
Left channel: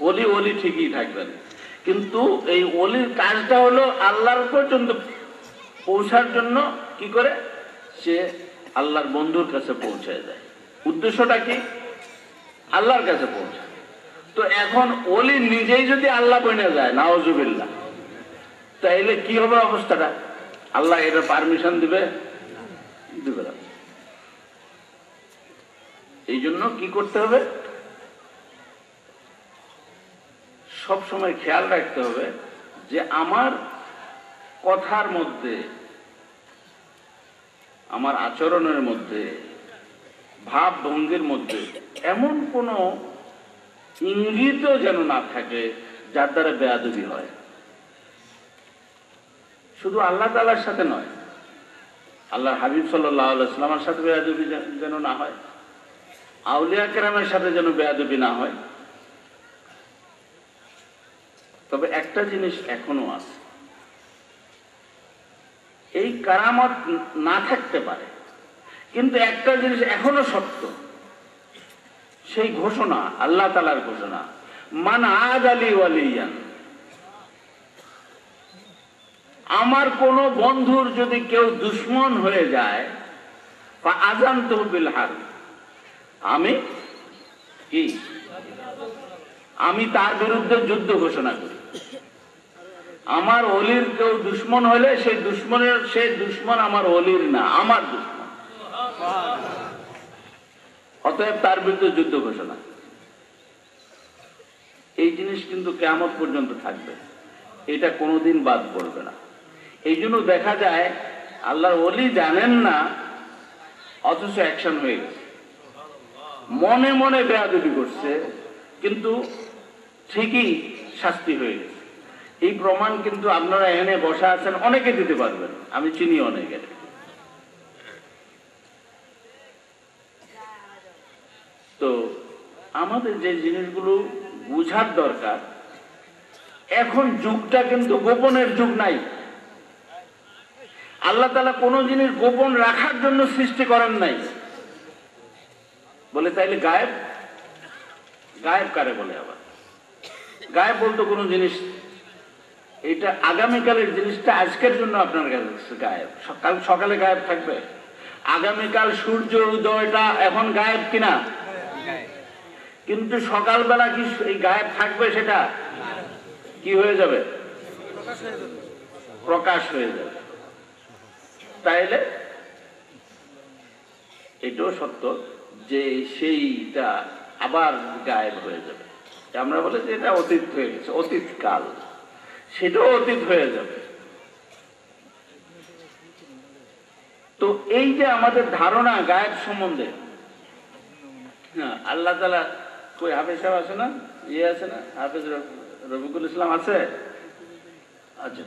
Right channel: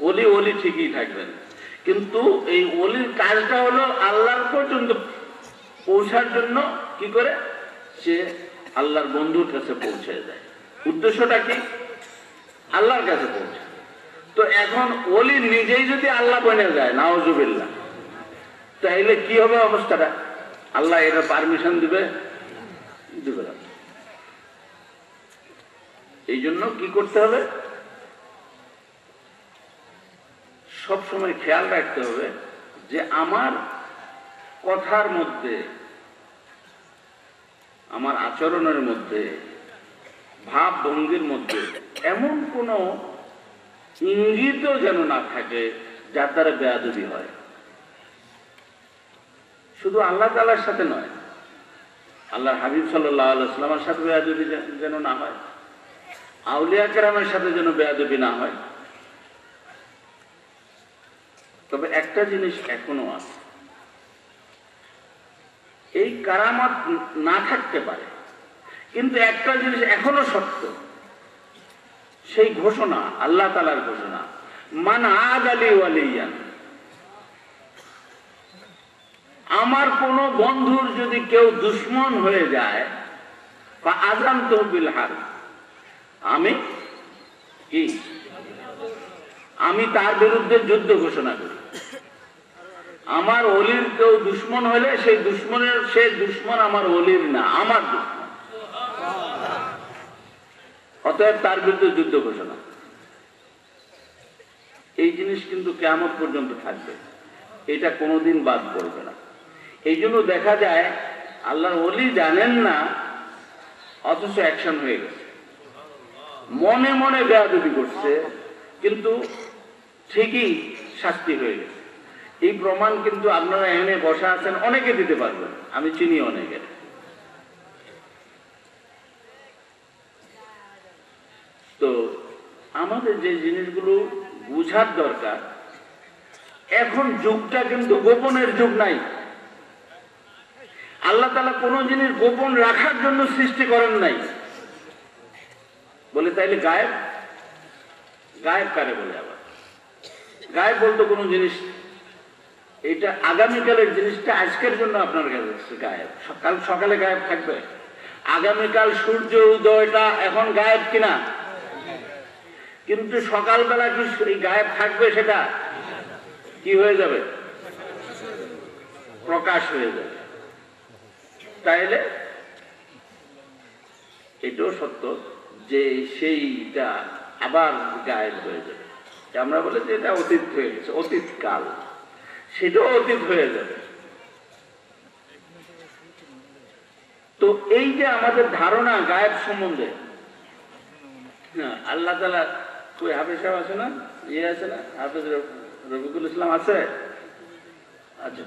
অলি অলি ঠিকই থাকবেন। কিন্তু এই অলির কাজটা হলো আল্লাহর পর্যন্ত পৌঁছার জন্য কি করে সে আল্লাহর বন্ধুর কাছে পৌঁছায় যায়। উদ্দেশ্যটা কি? আল্লাহর কাছে পৌঁছায়। তো এখন অলি নিজেই যদি আল্লাহ বনে যায়, নাউজুবিল্লাহ, তাইলে কি হবে অবস্থাটা? আল্লাহ এটা পারমিশন দিবে? দিবে না। এই জন্য কি করতে হবে? সব সময় খেয়াল রাখতে হবে যে আমার কথার মধ্যে, আমার আচরণের মধ্যে, ভাব ভঙ্গির মধ্যে এমন কোন ইঙ্গিতও যেন না থাকে যার দ্বারা বেয়াদবি হয়। শুধু আল্লাহ তাআলার সাথে নয়, আল্লাহর হাবিব সাল্লাল্লাহু আলাইহি ওয়াসাল্লামের সাথে বেয়াদবি যেন না হয়, আউলিয়া কেরামের সাথে যেন বেয়াদবি না হয়। তবে একটা জিনিস এখনো আছে, এই কারামত না থাকতে পারে, কিন্তু একটা জিনিস এখনো সত্য, সেই ঘোষণা আল্লাহ তাআলার ঘোষণা, মান আদালি ওয়ালিয়ান। আমার কোন বন্ধুর যদি কেউ দুশ্মন হয়ে যায়, বা আযানতু বিল হারব, আমি তার বিরুদ্ধে যুদ্ধ ঘোষণা করি। আমার অলির কেউ দুশ্মন হলে সে দুশ্মন আমার অলির না, আমার দুশ্মন। অতএব তার বিরুদ্ধে যুদ্ধ ঘোষণা। এই জিনিস কিন্তু কিয়ামত পর্যন্ত থাকবে, এটা কোনোদিন বাদ পড়বে না। এই জন্য দেখা যায় আল্লাহর ওলি জানেন না, অথচ অ্যাকশন হয়ে গেছে, মনে মনে বেয়াদবি করছে, কিন্তু ঠিকই শাস্তি হয়ে গেছে। এই প্রমাণ কিন্তু আপনারা এখানে বসা আছেন অনেকে দিতে পারবেন, আমি চিনি অনেকে। তো আমাদের যে জিনিসগুলো বুঝার দরকার, এখন যুগটা কিন্তু গোপনের যুগ নাই। আল্লাহ তাআলা কোন জিনিস গোপন রাখার জন্য সৃষ্টি করেন নাই। বলে তাইলে গায়েব, গায়েব কারে বলে? আবার গায়েব বলতো কোন জিনিস, এটা আগামীকালের জিনিসটা আজকের জন্য আপনার কাছে গায়েব। কাল সকালে গায়েব থাকবে, আগামীকাল সূর্য উদয়টা এখন গায়েব কিনা? কিন্তু সকালবেলা কি এই গায়েব থাকবে? সেটা কি হয়ে যাবে? প্রকাশ হয়ে যাবে। তাইলে এটাও সত্য যে সেইটা আবার গায়েব হয়ে যাবে। আমরা বলি যে এটা অতীত হয়ে গেছে, অতীত কাল, সেটাও অতীত হয়ে যাবে। তো এই যে আমাদের ধারণা গায়েব সম্বন্ধে, আল্লাহ তাআলা কই হাফেজ সাহেব আছে না, ইয়ে আছে না, হাফেজ রফিকুল ইসলাম আছে? আচ্ছা,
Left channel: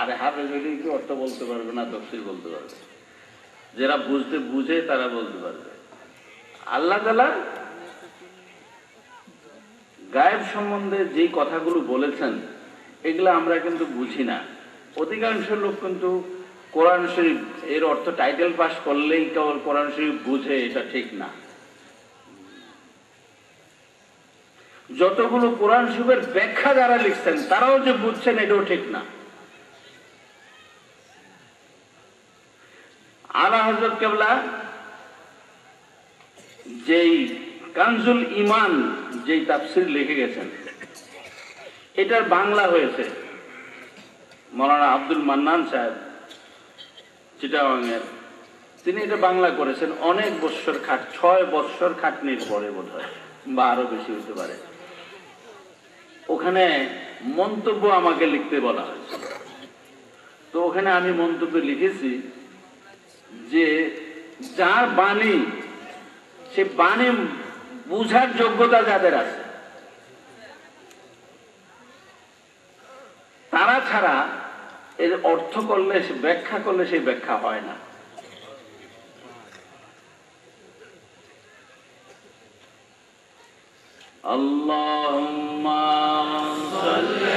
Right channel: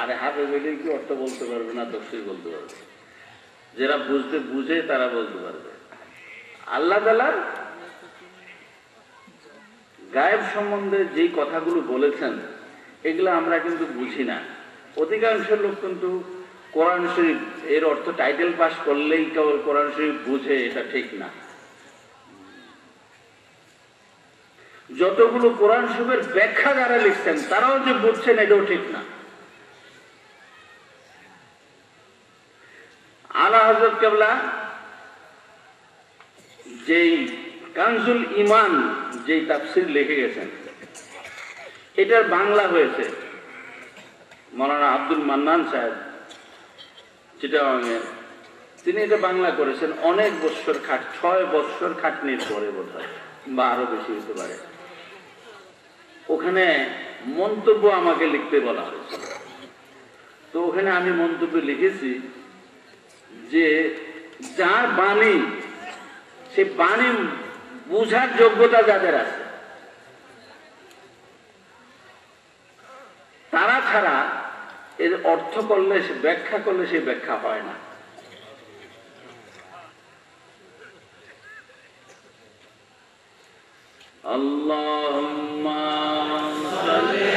আরে হাফেজ হইলে কি অর্থ বলতে পারবে না, তফসির বলতে পারবে, যারা বুঝে তারা বলতে পারবে। আল্লাহ তাআলা গায়েব সম্বন্ধে যে কথাগুলো বলেছেন এগুলো আমরা কিন্তু বুঝি না। অধিকাংশ লোক কিন্তু কোরআন শরীফ এর অর্থ টাইটেল পাস করলেই কেবল কোরআন শরীফ বুঝে, এটা ঠিক না। যতগুলো কোরআন শরীফের ব্যাখ্যা যারা লিখছেন তারাও যে বুঝছেন এটাও ঠিক না। আলা হযরত কেবলা যেই কানজুল ঈমান যেই তাফসীর লিখে গেছেন, এটার বাংলা হয়েছে মাওলানা আব্দুল মান্নান সাহেব চিটাগাংয়ের, তিনি এটা বাংলা করেছেন অনেক বছর 6 বছর খাটনির পরে বোধহয়, বা আরো বেশি হতে পারে। ওখানে মন্তব্য আমাকে লিখতে বলা হয়েছে, তো ওখানে আমি মন্তব্য লিখেছি যে যার বাণী, সে বাণী বুঝার যোগ্যতা যাদের আছে, অর্থ করলে, ব্যাখ্যা করলে সেই ব্যাখ্যা হয় না। আল্লাহুম্মা সাল্লি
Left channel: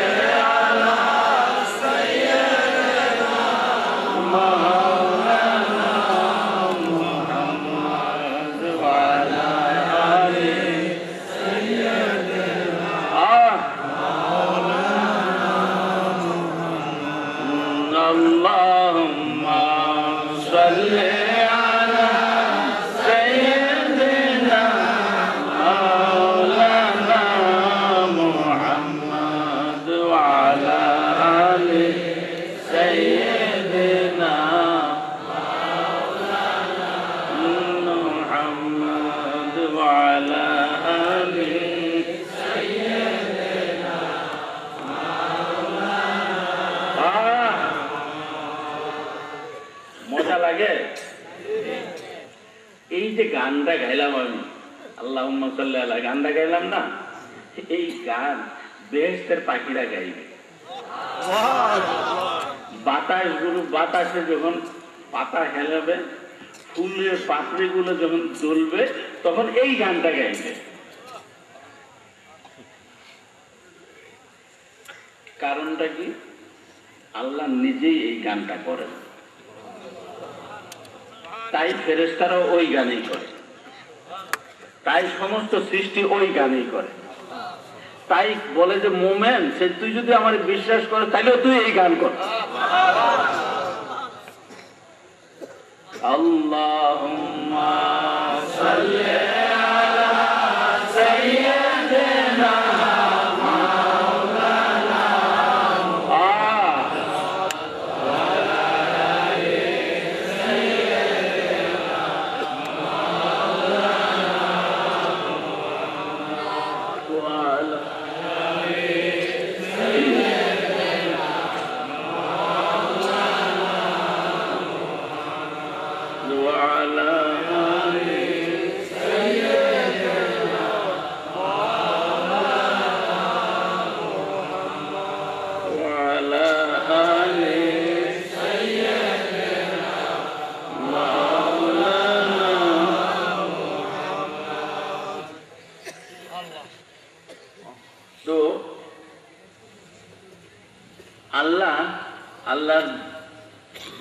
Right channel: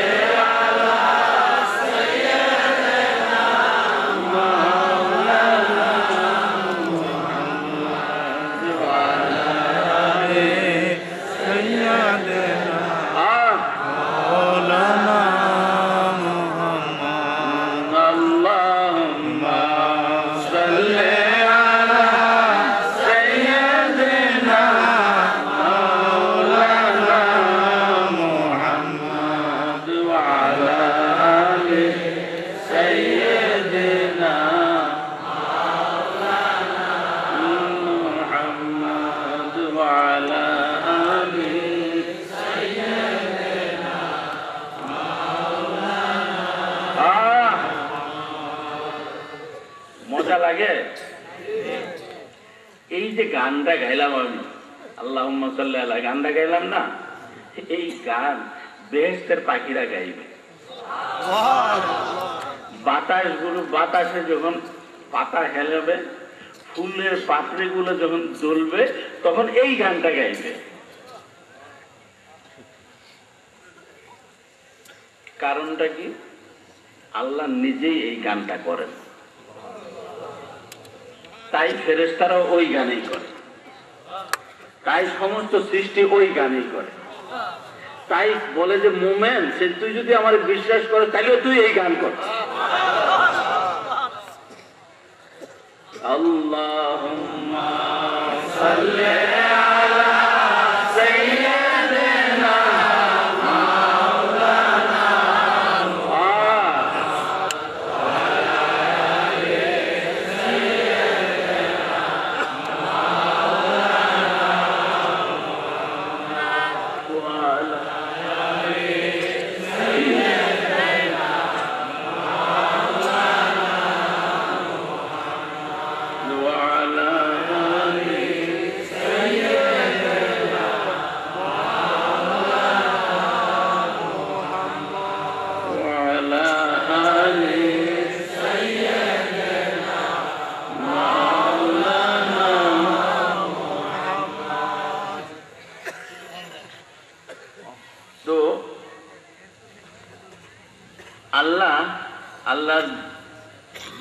আলা সাইয়্যিদিনা মাওলানা মুহাম্মদ ওয়া আলা আলি সাইয়্যিদিনা মাওলানা মুহাম্মদ। আল্লাহুম্মা সাল্লি লাগে। এই যে গানটা গাইলাম আমি, আল্লাহুম্মা সাল্লি আলা, গানটা গাইলাম না, এই গান বেহেশতের পাখিরা গাইবে। বাতাসে যখন পাতা হেলাবে, ফুলের পাপড়িগুলো যখন জ্বলবে, তখন এই গানটা গাইবে। কারণটা কি? আল্লাহ নিজেই এই গানটা করেন, তাই ফেরেশতারাও ওই গানেই করে, তাই সমস্ত সৃষ্টি ওই গানেই করে। তাই বলে যে মোমেন, সে তুই যদি আমার বিশ্বাস করে তাহলে তুই এই গান কর। আল্লাহুম্মা সাল্লি আলা সাইয়্যিদিনা মাওলানা আল্লাহ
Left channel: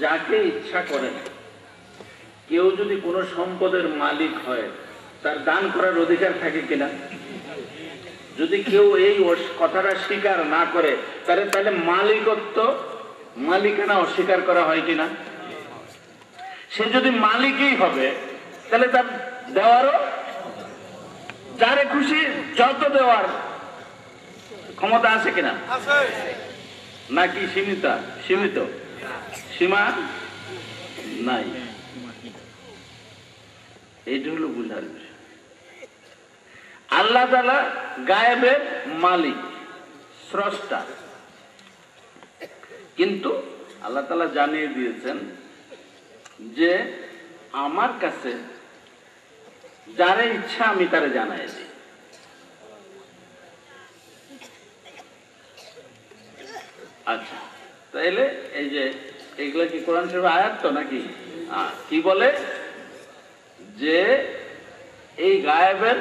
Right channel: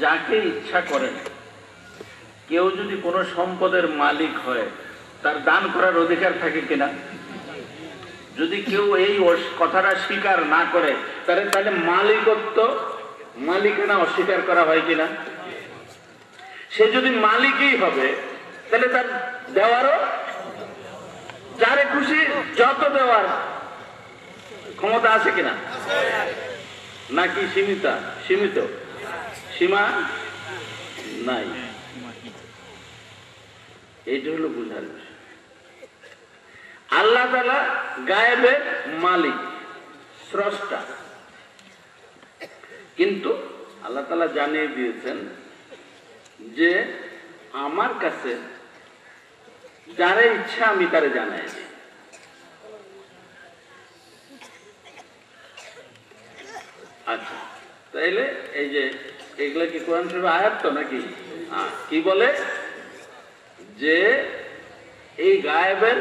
যাকে ইচ্ছা করেন। কেউ যদি কোনো সম্পদের মালিক হয়, তার দান করার অধিকার থাকে কিনা? যদি কেউ এই কথাটা স্বীকার না করে, তাহলে মালিকানা অস্বীকার করা হয় কিনা? সে যদি মালিকই হবে, তাহলে তার দেওয়ারও, যারে খুশি যত দেওয়ার ক্ষমতা আছে কিনা? নাকি সীমিত সীমা নাই? এইটা হলো বুঝার বিষয়। আল্লাহ তাআলা গায়েবের মালিক, স্রষ্টা, কিন্তু আল্লাহ তাআলা জানিয়ে দিয়েছেন যে আমার কাছে যারে ইচ্ছা আমি তারে জানাই দিই। আচ্ছা, তাইলে এই যে এগুলা কি কোরআন শরীফের আয়াত তো নাকি? কি বলে যে এই গায়েবের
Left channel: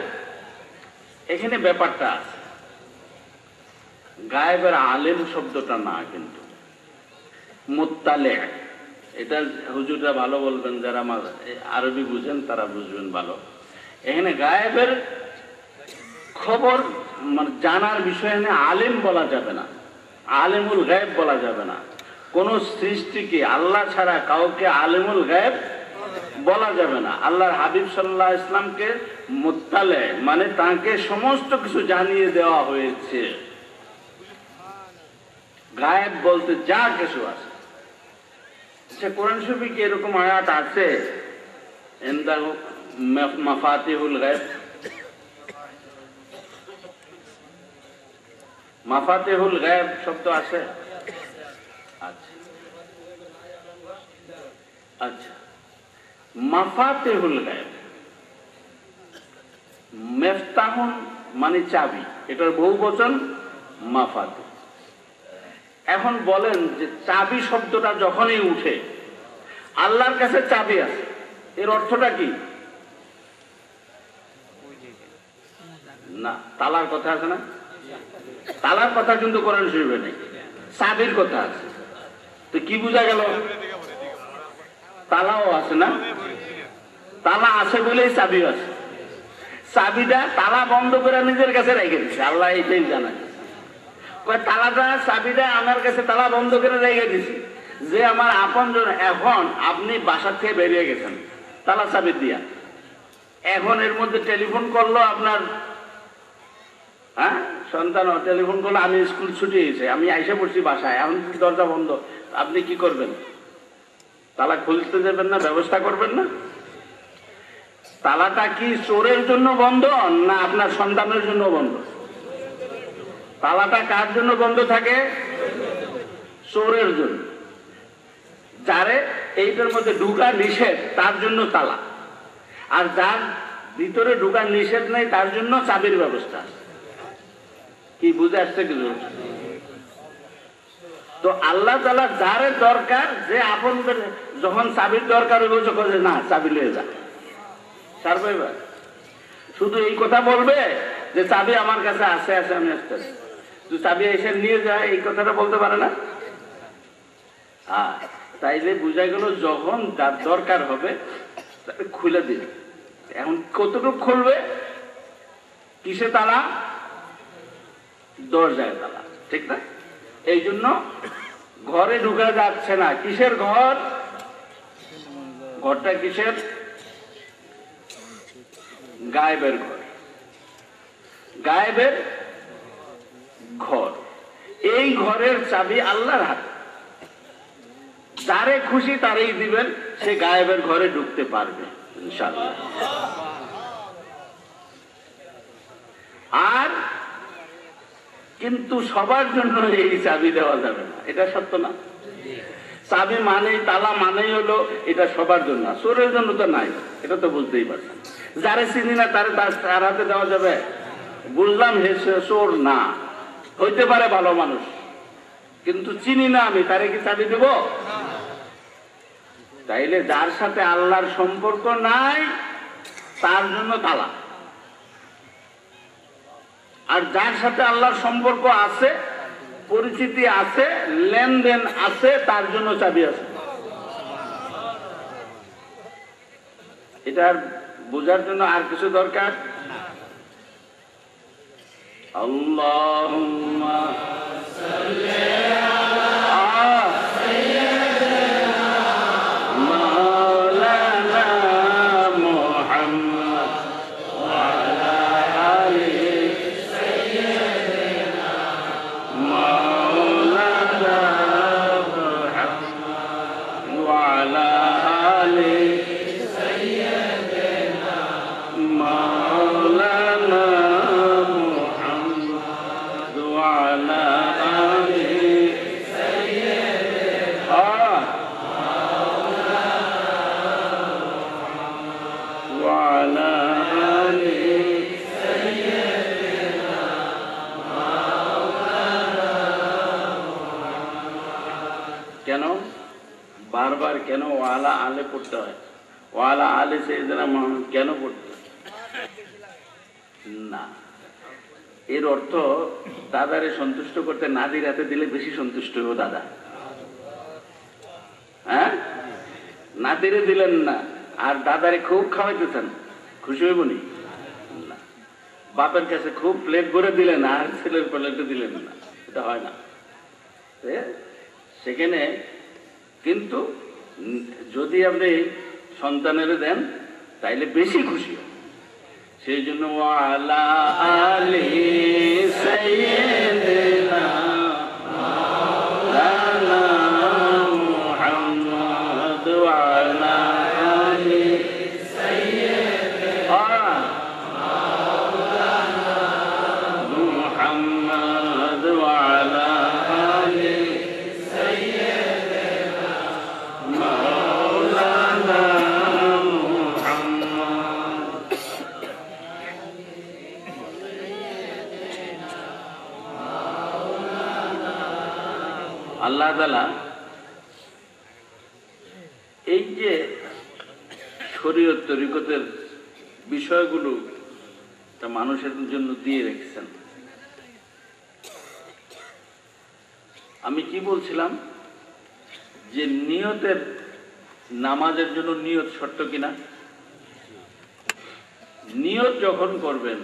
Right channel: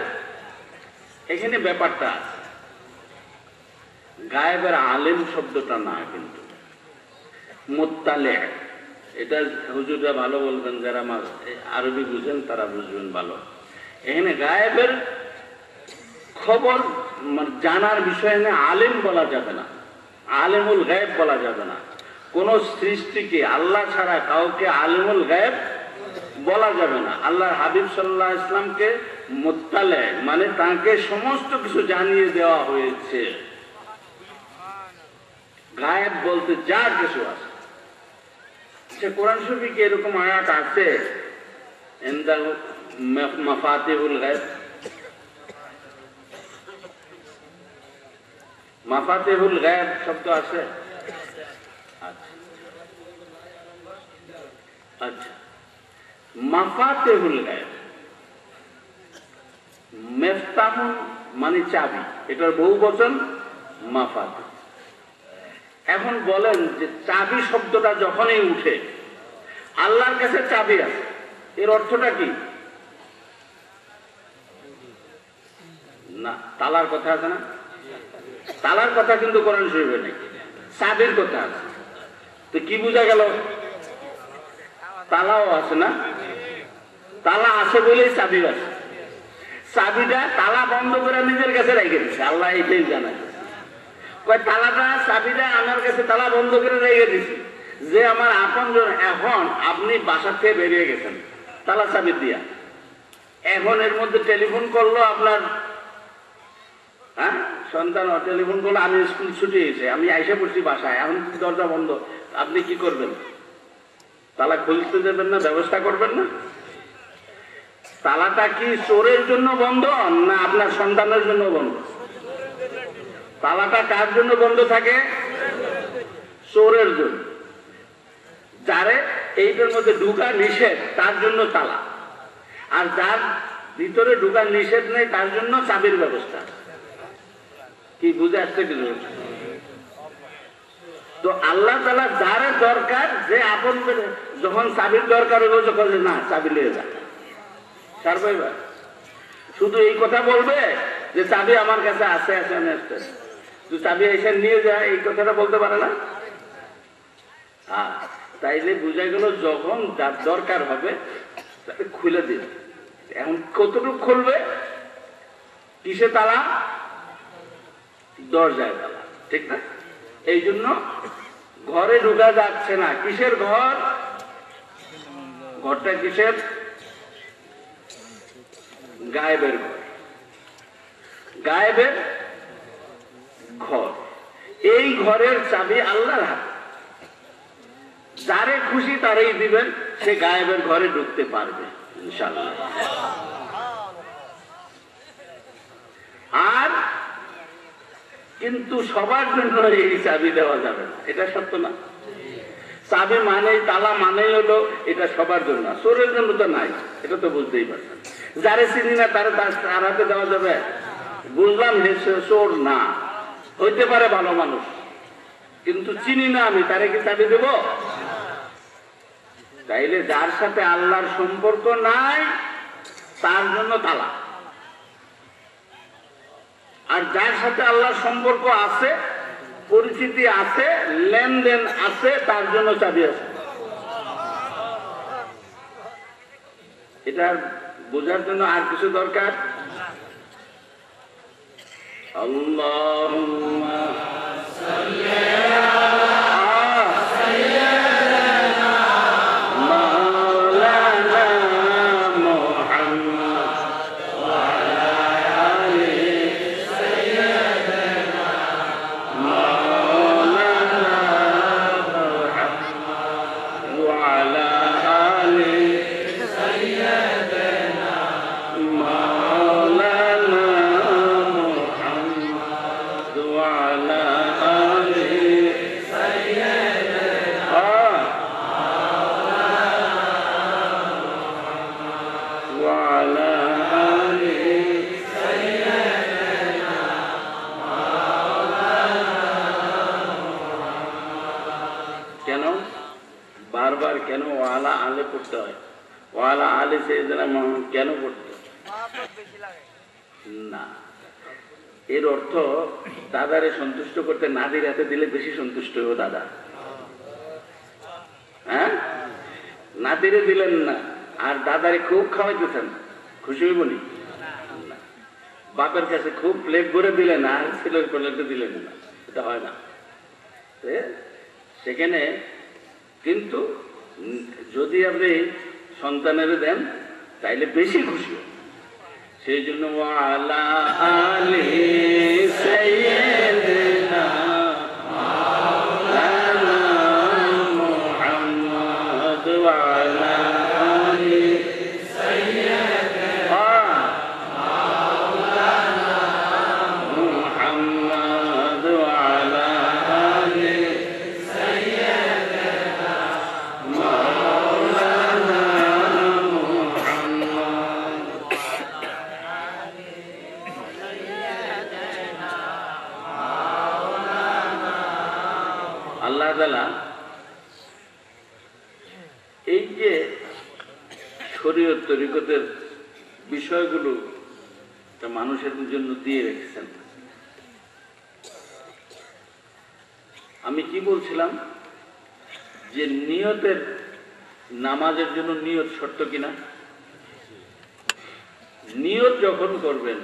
এখানে ব্যাপারটা আছে, গায়েবের আলেম শব্দটা না, কিন্তু মুত্তালে। এটা হুজুররা ভালো বলবেন, যারা আরবি বুঝেন তারা বুঝবেন ভালো। এখানে গায়েবের খবর মানে জানার বিষয় নিয়ে আলেম বলা যাবে না, আলেমুল গায়েব বলা যাবে না। কোন সৃষ্টিকে আল্লাহ ছাড়া কাউকে আলেমুল গায়েব বলা যাবে না। আল্লাহর হাবিব সাল্লাল্লাহু আলাইহি ওয়াসাল্লামকে মুত্তালে মানে তাকে সমস্ত কিছু জানিয়ে দেওয়া হয়েছে। গায়েব বলতে যা কিছু আছে। আচ্ছা, কোরআন শরীফে কি এরকম আয়াত আছে ইনদাহু মাফাতিহুল গায়েব? মাফাতিহুল গায়েব শব্দ আছে? আচ্ছা, মাফাতিহুল গায়েব, মেফতাহুন মানে চাবি, এটার বহুবচন মাফাত। এখন বলেন যে চাবি শব্দটা যখনই উঠে, আল্লাহর কাছে চাবি আছে, এর অর্থটা কি? না, তালার কথা আছে না? তালার কথা কিন্তু কোরআন শরীফে নেই, চাবির কথা আছে। তো কি বোঝা গেল? তালাও আছে না? তালা আছে বলেই চাবি আছে। চাবিটা তালা বন্ধ করে নিজের কাছে রেখে দিচ্ছে, আল্লাহ এটাই জানে। তালাটা চাবিটা আমার কাছে তালা বন্ধ করে রেখে দিছি, যে আমার আপনজন। এখন আপনি বাসা থেকে বেরিয়ে গেছেন তালা চাবি দিয়া, এখন এর মধ্যে টেলিফোন করলো আপনার সন্তান, টেলিফোন করলো আমি স্কুল ছুটি হয়েছে, আমি আইসে পড়ছি বাসায়, এখন দরজা বন্ধ, আপনি কি করবেন? তালা খুলতে দেবেন না? ব্যবস্থা করবেন না? তালাটা কি চোরের জন্য বন্ধ না আপনার সন্তানের জন্য বন্ধ? তালাটা কার জন্য বন্ধ থাকে? চোরের জন্য। যারে এইটার মধ্যে ঢুকা নিষেধ তার জন্য তালা, আর যার ভিতরে ঢুকা নিষেধ নেই তার জন্য চাবির ব্যবস্থা। কি বুঝে আসছে কিছু? তো আল্লাহ তাআলা যারে দরকার, যে আপন যখন চাবির দরকার হলো, যখন না চাবি লয়ে যা সার পাইবা, শুধু এই কথা বলবে যে চাবি আমার কাছে আছে, আছে আমি আসতে, তুই চাবি এসে নিয়ে যা, এই কথাটা বলতে পারে না। তাইলে বুঝা গেল যখন যার দরকার হবে তাকে খুলে দিন। এখন কতটুকু খুলবে? কিসে তালা? দরজায় তালা, ঠিক না? এই জন্য ঘরে ঢুকা যাচ্ছে না। কিসের ঘর? ঘরটা কিসের? গায়েবের ঘর, গায়েবের ঘর। এই ঘরের চাবি আল্লাহর হাতে, যারে খুশি তারই দিবেন, সে গায়েবের ঘরে ঢুকতে পারবে ইনশাআল্লাহ। আর কিন্তু সবার জন্য এই চাবি দেওয়া যাবে না, এটা সত্য না? চাবি মানেই, তালা মানেই হলো এটা সবার জন্য, চোরের জন্য তো নাই, এটা তো বুঝতেই পারছেন। যারে চিনি না তার হাতে দেওয়া যাবে? বুঝলাম হে চোর না, হইতে পারে ভালো মানুষ, কিন্তু চিনি না আমি, তারে কি চাবি দেব? তাইলে যার সাথে আল্লাহর সম্পর্ক নাই তার জন্য তালা, আর যার সাথে আল্লাহর সম্পর্ক আছে, পরিচিতি আছে, লেনদেন আছে, তার জন্য চাবি আছে। এটা বোঝার জন্য আর কিছু দরকার? আল্লাহুম্মা সাল্লি কেন পড়তে না? এর অর্থ দাদারে সন্তুষ্ট করতে নাদির হাতে দিলে বেশি সন্তুষ্ট হইব দাদা। হ্যাঁ, নাদিরে দিলেন না আর দাদারে খুব খাওয়াইতেছেন, খুশি হইব নি? বাপের কাছে খুব প্লেট ভরে দিলেন আর ছেলের প্লেটে দিলেন না, এটা হয় না। সেখানে কিন্তু যদি আপনি সন্তানের দেন তাইলে বেশি খুশি। সেই জন্য ওয়ালা আলি সাইয়্যিদিনা মাওলানা মুহাম্মদ ওয়ালা আলি সাইয়্যিদিনা মাওলানা মুহাম্মদ ওয়ালা আলি সাইয়্যিদিনা মাওলানা আল্লাহ তাআলা এই যে শরীয়ত তরিকতের বিষয়গুলো মানুষের জন্য দিয়ে রেখেছেন। আমি কি বলছিলাম যে নিয়তের, নামাজের জন্য নিয়ত শর্ত কিনা? নিয়ত যখন করবেন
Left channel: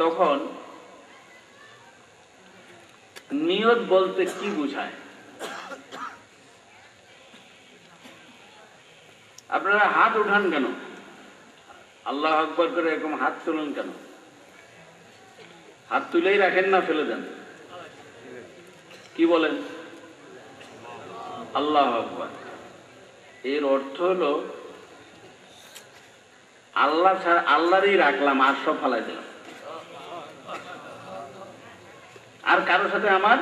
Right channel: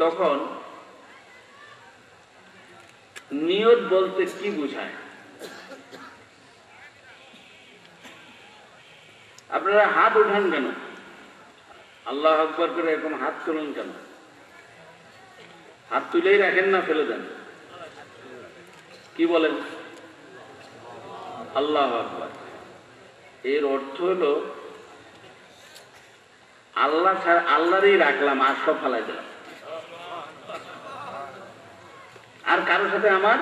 তখন নিয়ত বলতে কি বোঝায়? আপনারা হাত উঠান কেন? আল্লাহু আকবার করে এরকম হাত তুলেন কেন? হাত তুলেই রাখেন না, ফেলে দেন? কি বলেন? আল্লাহু আকবার। এর অর্থ হলো আল্লাহ ছাড়া, আল্লাহরই রাখলাম, আর সব ফালাই দিলাম, আর কারোর সাথে আমার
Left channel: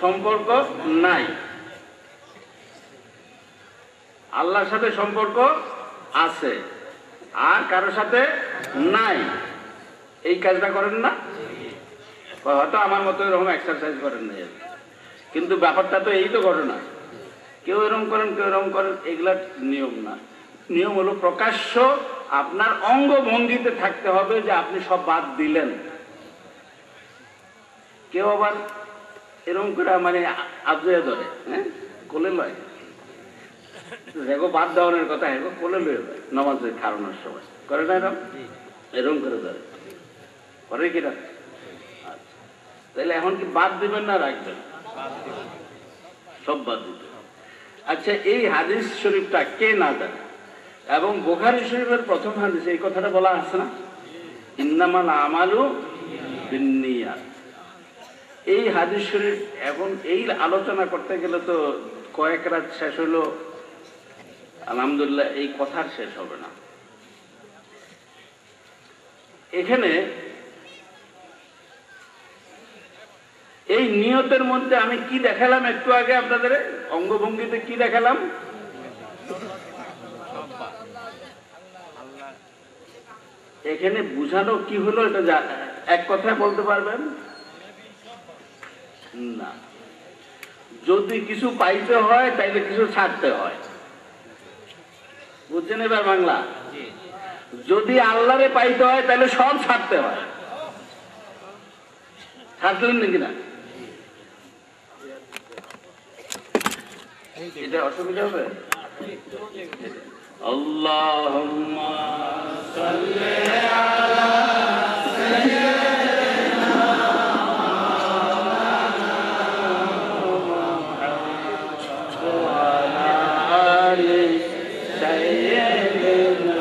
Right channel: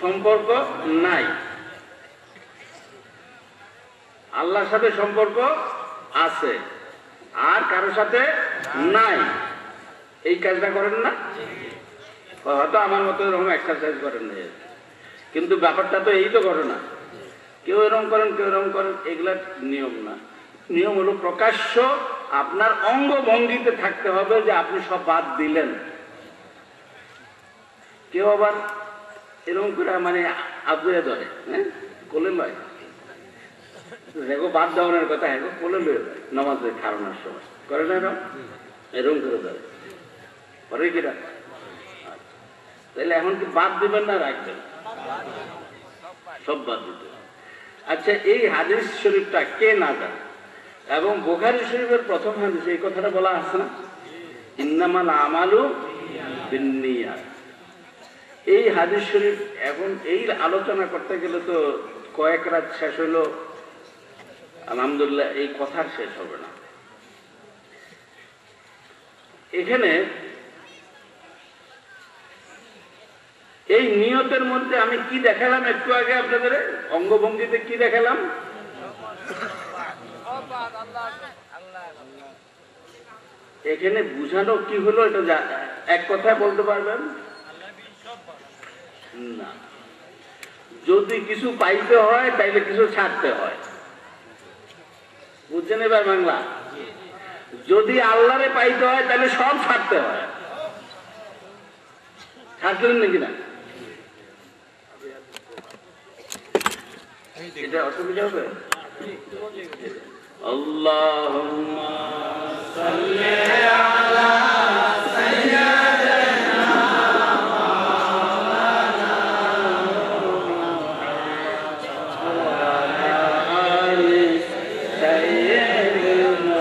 সম্পর্ক নাই। আল্লাহর সাথে সম্পর্ক আছে, আর কারোর সাথে নাই। এই কাজটা করেন না? হয়তো আমার মতো এরকম এক্সারসাইজ করেন না, কিন্তু ব্যাপারটা তো এই তো ঘটনা। কেউ এরকম করেন, কেউ এরকম করেন, এগুলা নিয়ম না। নিয়ম হলো প্রকাশ্য আপনার অঙ্গভঙ্গিতে থাকতে হবে যে আপনি সব বাদ দিলেন। কেউ আবার এরকম করে মানে আবজয়ে ধরে, হ্যাঁ, কোলে লয়, দেখো বাদ দেওয়ানোর কথা, হ্যাঁ কোলে লয়ে যায় নামাজের খাওয়ানোর সময়, করে না? এরকম করে ধরে, করে কিনা? তাহলে এখন কি বাদ দিবেন না রাখবেন? সব বাদ দিতে। আচ্ছা, এই হাদিস শরীফটা কে না জানে? এবং বুখারী শরীফের প্রথম হাদিসে এই কথাটা বলা আছে না, ইন্নামাল আমালু বিন্নিয়াত। এই হাদিস শরীফ এখন এই আলোচনা করতে গেলে তো কয়েক রাত শেষ হলো, আলহামদুলিল্লাহ এই কথার শেষ হবে না। এখানে এই নিয়তের মধ্যে আমি কি দেখালাম একটু আগে আপনাদের? অঙ্গভঙ্গিতে কি দেখালাম? এখানে বুঝানো কি হলো এটা এক কথায় বলতে পারবেন না। যদি কিছু পাইতে হয় তাইলে কিছু ছাড়তে হয়, বুঝছেন এবার বাংলা? যদি আল্লাহরে পাইতে হয় তাহলে সব ছাড়তে হয়। ছাড়লেন নাকি না? এটা অসুবিধা হবে? আল্লাহুম্মা সাল্লি আলা সাইয়্যিদিনা ওয়া আলা আলি সাইয়্যিদিনা।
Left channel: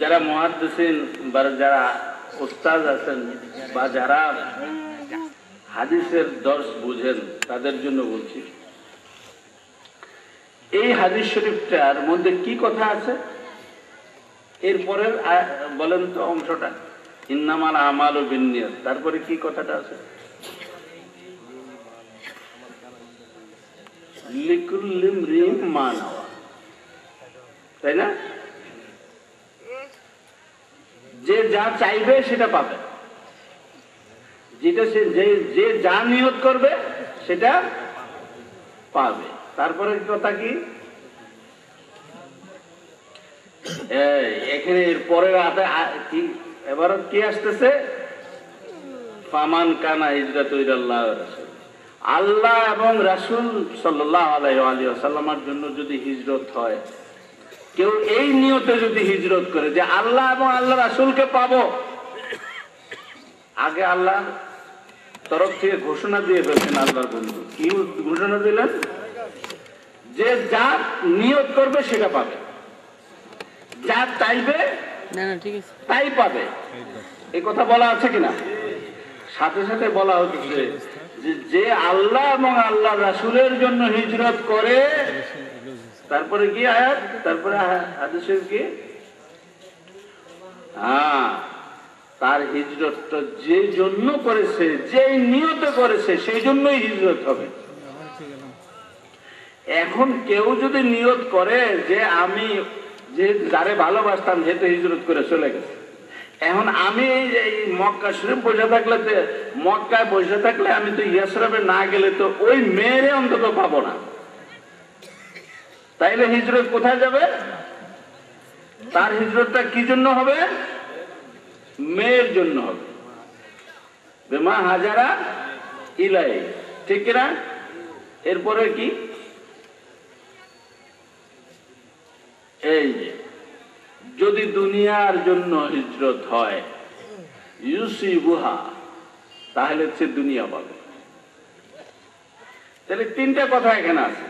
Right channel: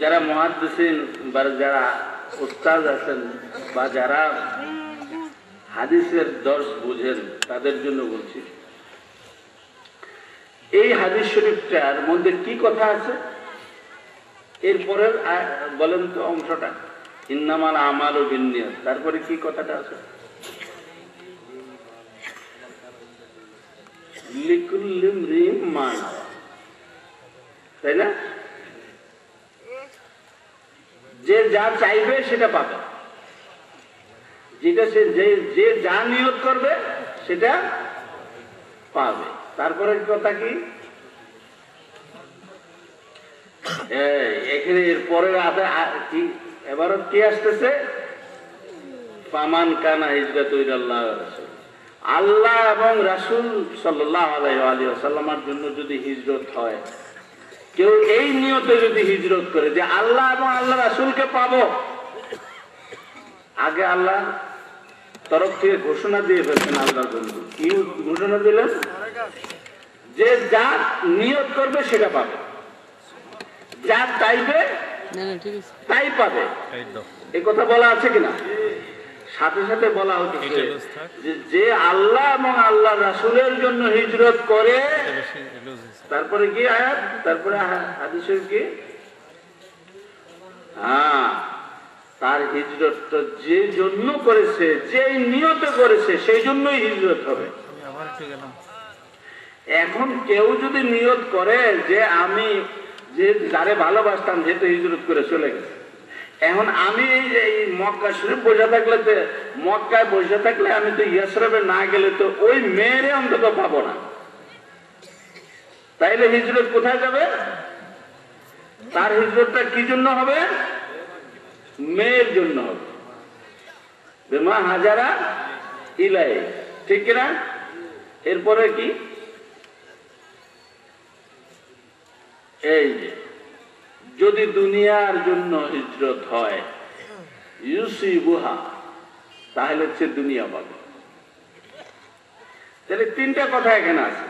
যারা মুহাদ্দিসিন বা যারা উস্তাদ আছেন বা যারা হাদিসের দর্শ বুঝেন তাদের জন্য বলছি, এই হাদিস শরীফটার মধ্যে কি কথা আছে? এরপরের বলেন তো অংশটা, ইন্নামাল আমালু বিন্নিয়াত, তারপরে কি কথাটা আছে? লিকুল্লি ইমরিইন মা নাওয়া, তাই না? যে যা চাইবে সেটা পাবে, যেটা সে যে যা নিয়ত করবে সেটা পাবে। তারপরে কথা কি? এখানে পরের কি এবার কি আসতেছে? ফামান কানা হিজরাতু ইলাল্লাহ ওয়া রাসূল, আল্লাহ এবং রাসূল সাল্লাল্লাহু আলাইহি ওয়াসাল্লামের জন্য যদি হিজরত হয়, কেউ এই নিয়তে যদি হিজরত করে যে আল্লাহ এবং আল্লাহ রাসূলকে পাবো, আগে আল্লাহ তরফ থেকে ঘোষণা দিয়ে ফেলছেন। আল্লাহর বন্ধু কি ঘোষণা দিলেন? যে যা নিয়ত করবে সেটা পাবে। যা চাইবে তাই পাবে, এই কথা বলা আছে কিনা? সাথে সাথে বলা হচ্ছে যে আল্লাহ এবং আল্লাহ রাসূলের জন্য হিজরত করে, তারপরে কি আয়াত, তারপরে হাদিসের কি, হ্যাঁ, তার হিজরত তো যে জন্য করেছে, যে নিয়ত করেছে সেই জন্যই হিজরত হবে। এখন কেউ যদি নিয়ত করে যে আমি যে যারে ভালোবাসতাম যেহেতু হিজরত করে চলে গেছে, এখন আমি এই মক্কা শরীফ বসে থাকলে, মক্কায় বসে থাকলে আমি তো ইয়াসরিবে না গেলে তো ওই মেয়েরে অন্তত পাবো না, তাইলে হিজরত কোথায় যাবে? তার হিজরতটা কি জন্য হবে? মেয়ের জন্য হবে। বেমা হাজারা ইলাই, ঠিক কিনা? এরপরে কি, এই যে যদি দুনিয়ার জন্য হিজরত হয় ইউসিবুহা, তাহলে সে দুনিয়া পাবে। তাহলে তিনটা কথা এখানে আছে।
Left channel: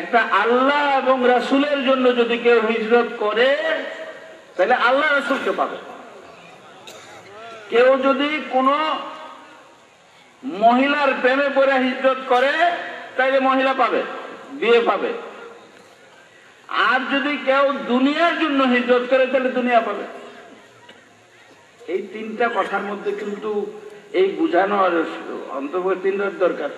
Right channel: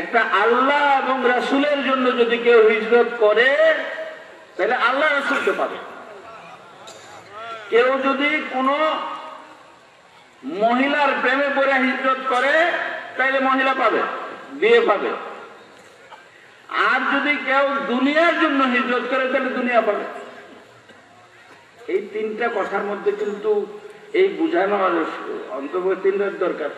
একটা, আল্লাহ এবং রাসূলের জন্য যদি কেউ হিজরত করে তাহলে আল্লাহ রাসূলকে পাবে। কেউ যদি কোন মহিলার প্রেমে পড়ে হিজরত করে তাহলে মহিলা পাবে, বিয়ে পাবে। আর যদি কেউ দুনিয়ার জন্য হিজরত করে তাহলে দুনিয়া পাবে। এই তিনটা কথার মধ্যে কিন্তু এই বুঝানোর অন্তর্বর্তীর দরকার।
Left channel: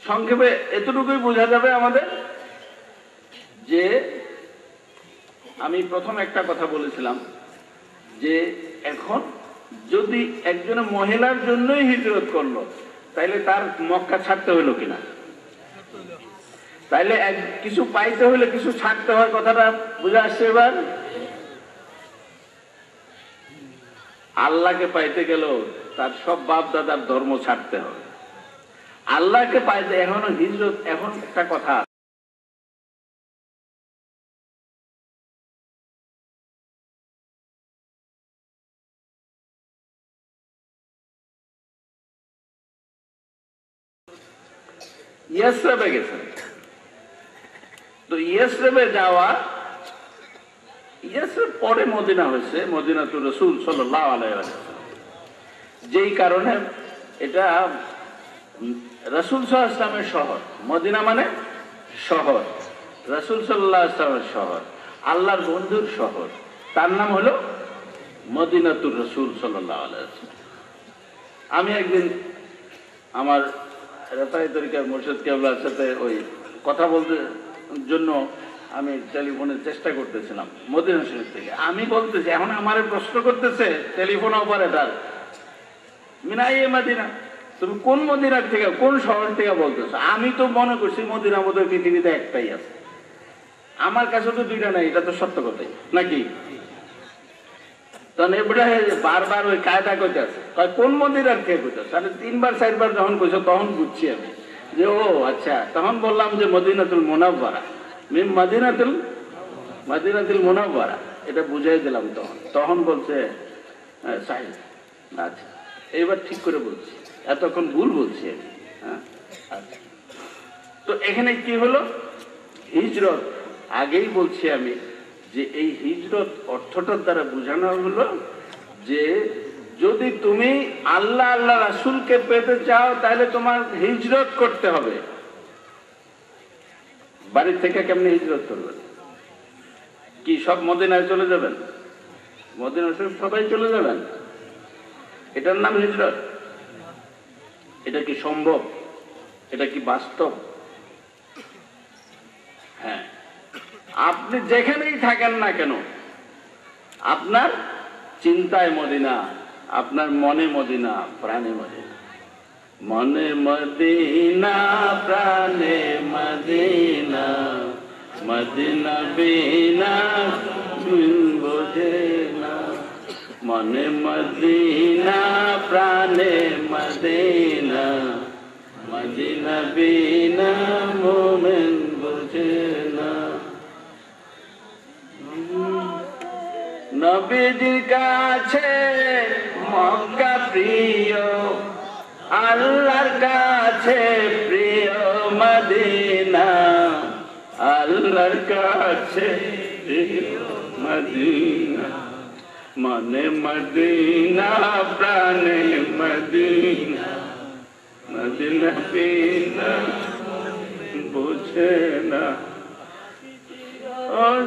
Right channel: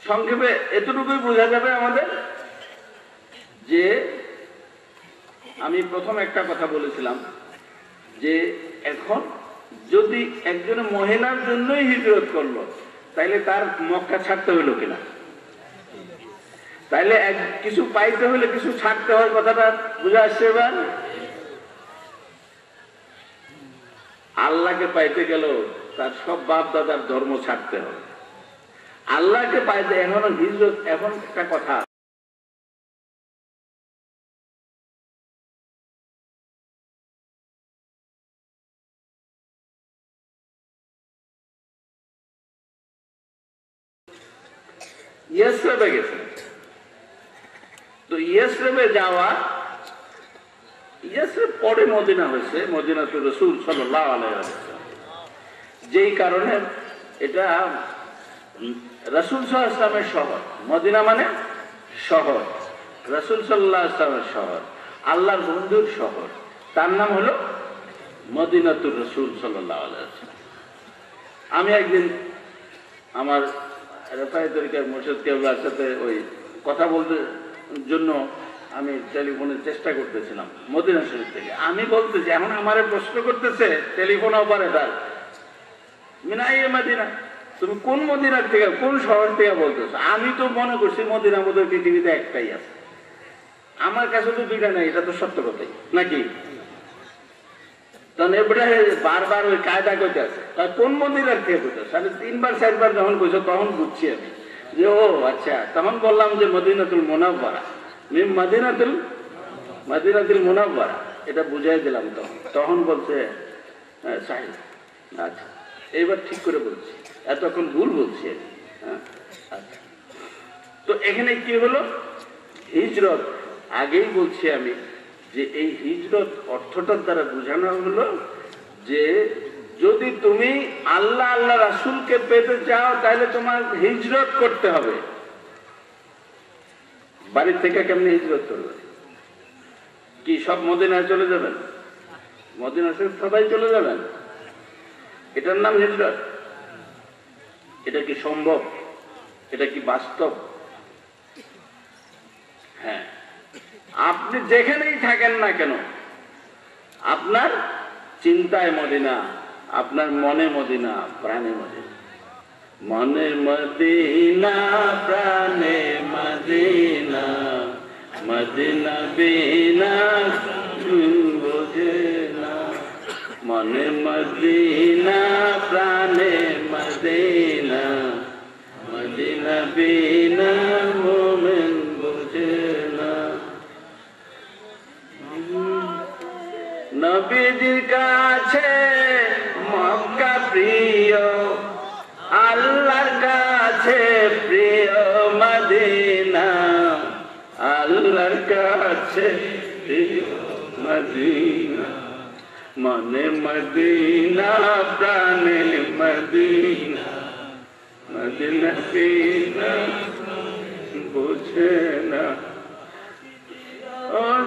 সংক্ষেপে এতটুকুই বোঝা যাবে আমাদের যে, আমি প্রথম একটা কথা বলেছিলাম যে এখন যদি একজন মহিলার জন্যই হিজরত করলো তাইলে তার মক্কা ছাড়তে হইল কিনা, তাইলে কিছু পাইতে হলে কিছু ছাড়তে হয়, কথাটা বুঝে আসছে এবার? আল্লাহকে পাইতে গেল তার সব বাপ দাদার ধর্ম ছাড়তে হবে। আল্লাহকে পাইতে এখনো হিজরত, এখন একটা কথা, ইয়াসরিবে গেছেন, তো ইয়াসরিবে যাওয়া, ইয়াসরিব পরে মদিনা হয়েছে, মদিনাতুর রাসূল সাল্লাল্লাহু আলাইহি ওয়াসাল্লাম, যেই কারণে এটা রাসূল সাল্লাল্লাহু আলাইহি ওয়াসাল্লামের শহর। মদিনা মানে শহর, রাসূল সাল্লাল্লাহু আলাইহি ওয়াসাল্লামের শহর, আল্লাহর বন্ধুর শহর, তার নাম হলো মদিনাতুর রাসূল সাল্লাল্লাহু আলাইহি ওয়াসাল্লাম। আমি একদিন আমার রেফাই তরিকার মুর্শিদ কেবলার সাথে ওই কথা বলতে জন্য আমি টেলিফোনের চেষ্টা করতেছিলাম মদিনা শরীফ থেকে। আমি বলতেছি, এখন আমার প্রশ্ন করতেছে টেলিফোন অপারেটর, মিনাইয়ে মদিনা, তুমি কোন মদিনার থেকে, কোন শহর থেকে বলতেছো? আমি তো মনে করছি মদিনা বোধহয় পৃথিবীতে একটাই আছে, আমার কাছে তো দুইটা নাই, এটা তো সত্য কথাই নাকি? তখন এবারে বারবার ওই কায়দা করতে আছে, কোন মদিনার থেকে করতেছে? আমি 3 বার 4 বার যখন কইছো তখন বুঝছি আমি যে ও আচ্ছা। তখন বললাম যে মদিনাতুল মুনাওয়ারা, মদিনাতুল মুনাওয়ারা, এটা বুঝাই দিলাম। তখন বলছে আচ্ছা এইবার ঠিক করে বলছি, এতক্ষণ ভুল বলছি আমি। হ্যাঁ, আচ্ছা। তো এখানে কি হলো? হিজরত, আগেই বলছি আমি যে এই হিজরত অর্থটার দ্বারা বোঝানো হলো যে যদি তুমি আল্লাহ আল্লাহ রাসূলকে পেতে চাও তাহলে তোমার হিজরত করতে হবে। বাড়ি থেকে কেমনি হিজরত করবে? কি সব মদিনায় চলে যাবেন? মদিনায় সবাই চলে যাবেন? এটার নাম হিজরত? এটা কি সম্ভব? এটা কি বাস্তব? হ্যাঁ, আপনি যেখানেই থাকেন না কেন আপনার চিন্তায় মদিনা, আপনার মনে মদিনা, প্রাণে মদিনা। মনে মদিনা, প্রাণে মদিনা, মদিনা বিনা বোঝে না। মনে মদিনা, প্রাণে মদিনা, মদিনা বিনা মোমেন বোঝে না। নবীজির কাছে মক্কা প্রিয়, আল্লাহর কাছে প্রিয় মদিনা, কাছে মদিনা মনে মদিনা প্রাণে মদিনা মদিনা বিনা বুঝে না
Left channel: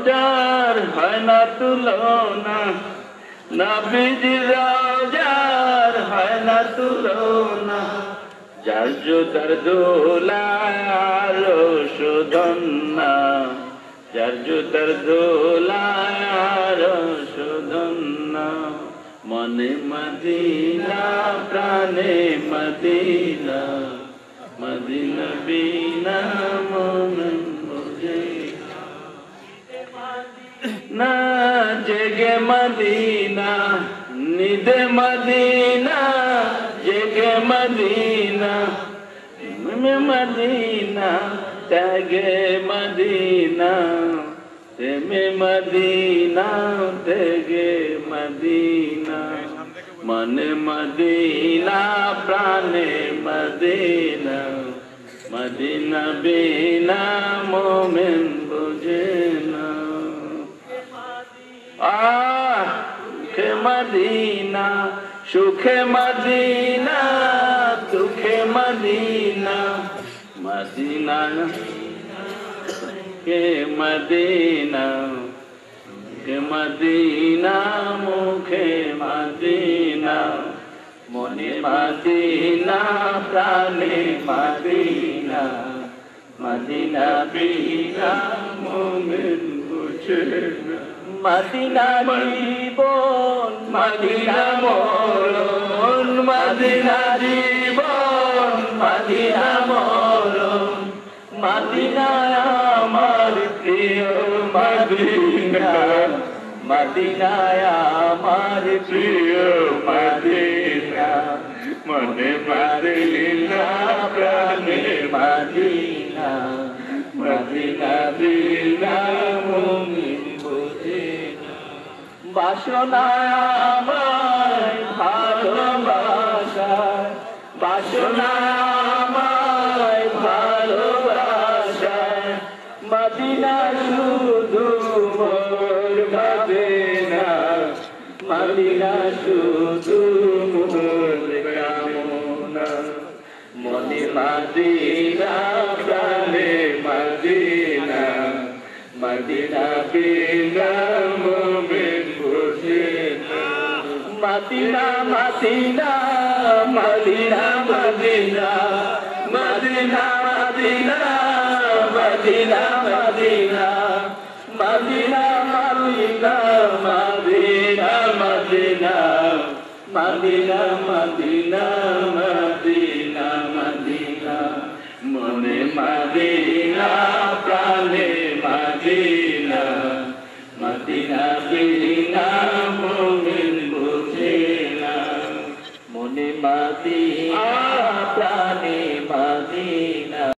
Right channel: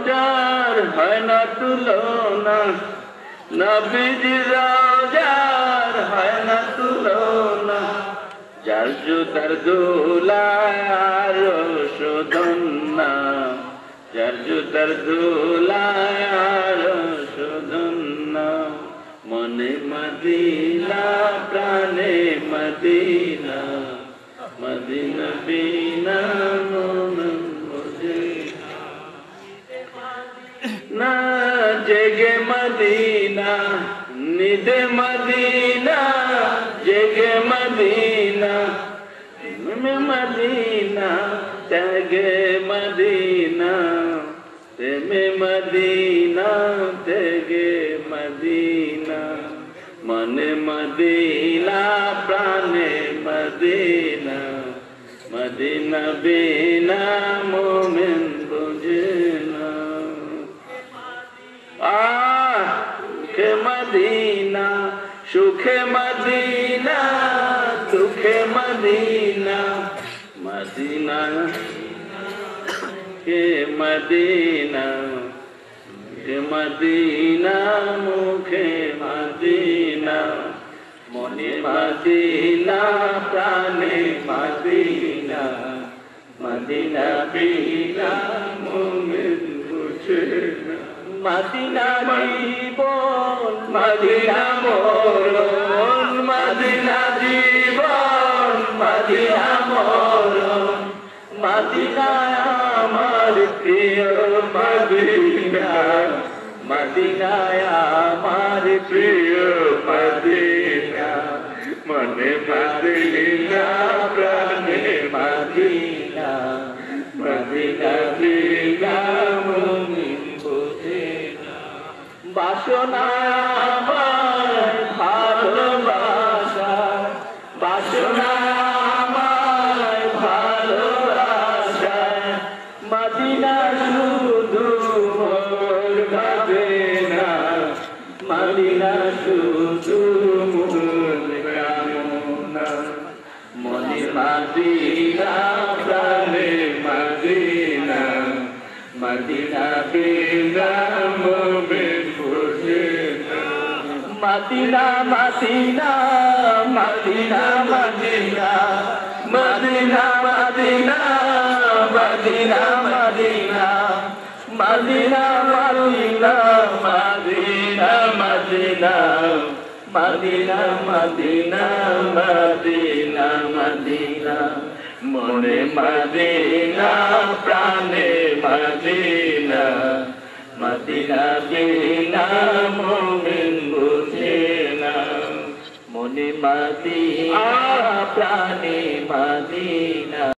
যার হয় না তুলনা নবীজি রওজার হয় না তুলনা যার জুতার দোলার শোধন না যার জুতার দোলার শোধন না মনে মদিনা প্রাণে মদিনা মদিনা বিনা মন বুঝে না জেগে মদিনা নিদে মদিনা জেগে মদিনা মদিনা ত্যাগে মদিনা প্রেমে মদিনা ত্যাগে মদিনা মনে মদিনা প্রাণে মদিনা মদিনা বিনা মোমেন বুঝে না সুখে মদিনা সুখে মদিনা দুঃখে মদিনা মদিনা কে মদিনা কে মদিনা মুখে মদিনা মনে মদিনা প্রাণে মদিনা মদিনা বিনা মোমেন বুঝে না মদিনা জীবন মদিনা মরণ মদিনা জীবন মদিনা মরণ মদিনা আমার প্রিয় মদিনা মদিনা আমার প্রিয় মদিনা মনে মদিনা প্রাণে মদিনা মদিনা বিনা মোমেন বুঝে না বাসনা আমার ভালোবাসা বাসনা আমার ভালোবাসা মদিনা শুধু মোর ভাবে না মদিনা শুধু মোর কামনা মনে মদিনা প্রাণে মদিনা মদিনা বিনা মোমেন বুঝে না Medina Medina Medina Medina Medina Medina Medina Medina Medina Medina Medina Medina Medina Medina Medina Medina মনে মদিনা প্রাণে মদিনা মদিনা বিনা মোমেন বুঝে না মনে মদিনা প্রাণে মদিনা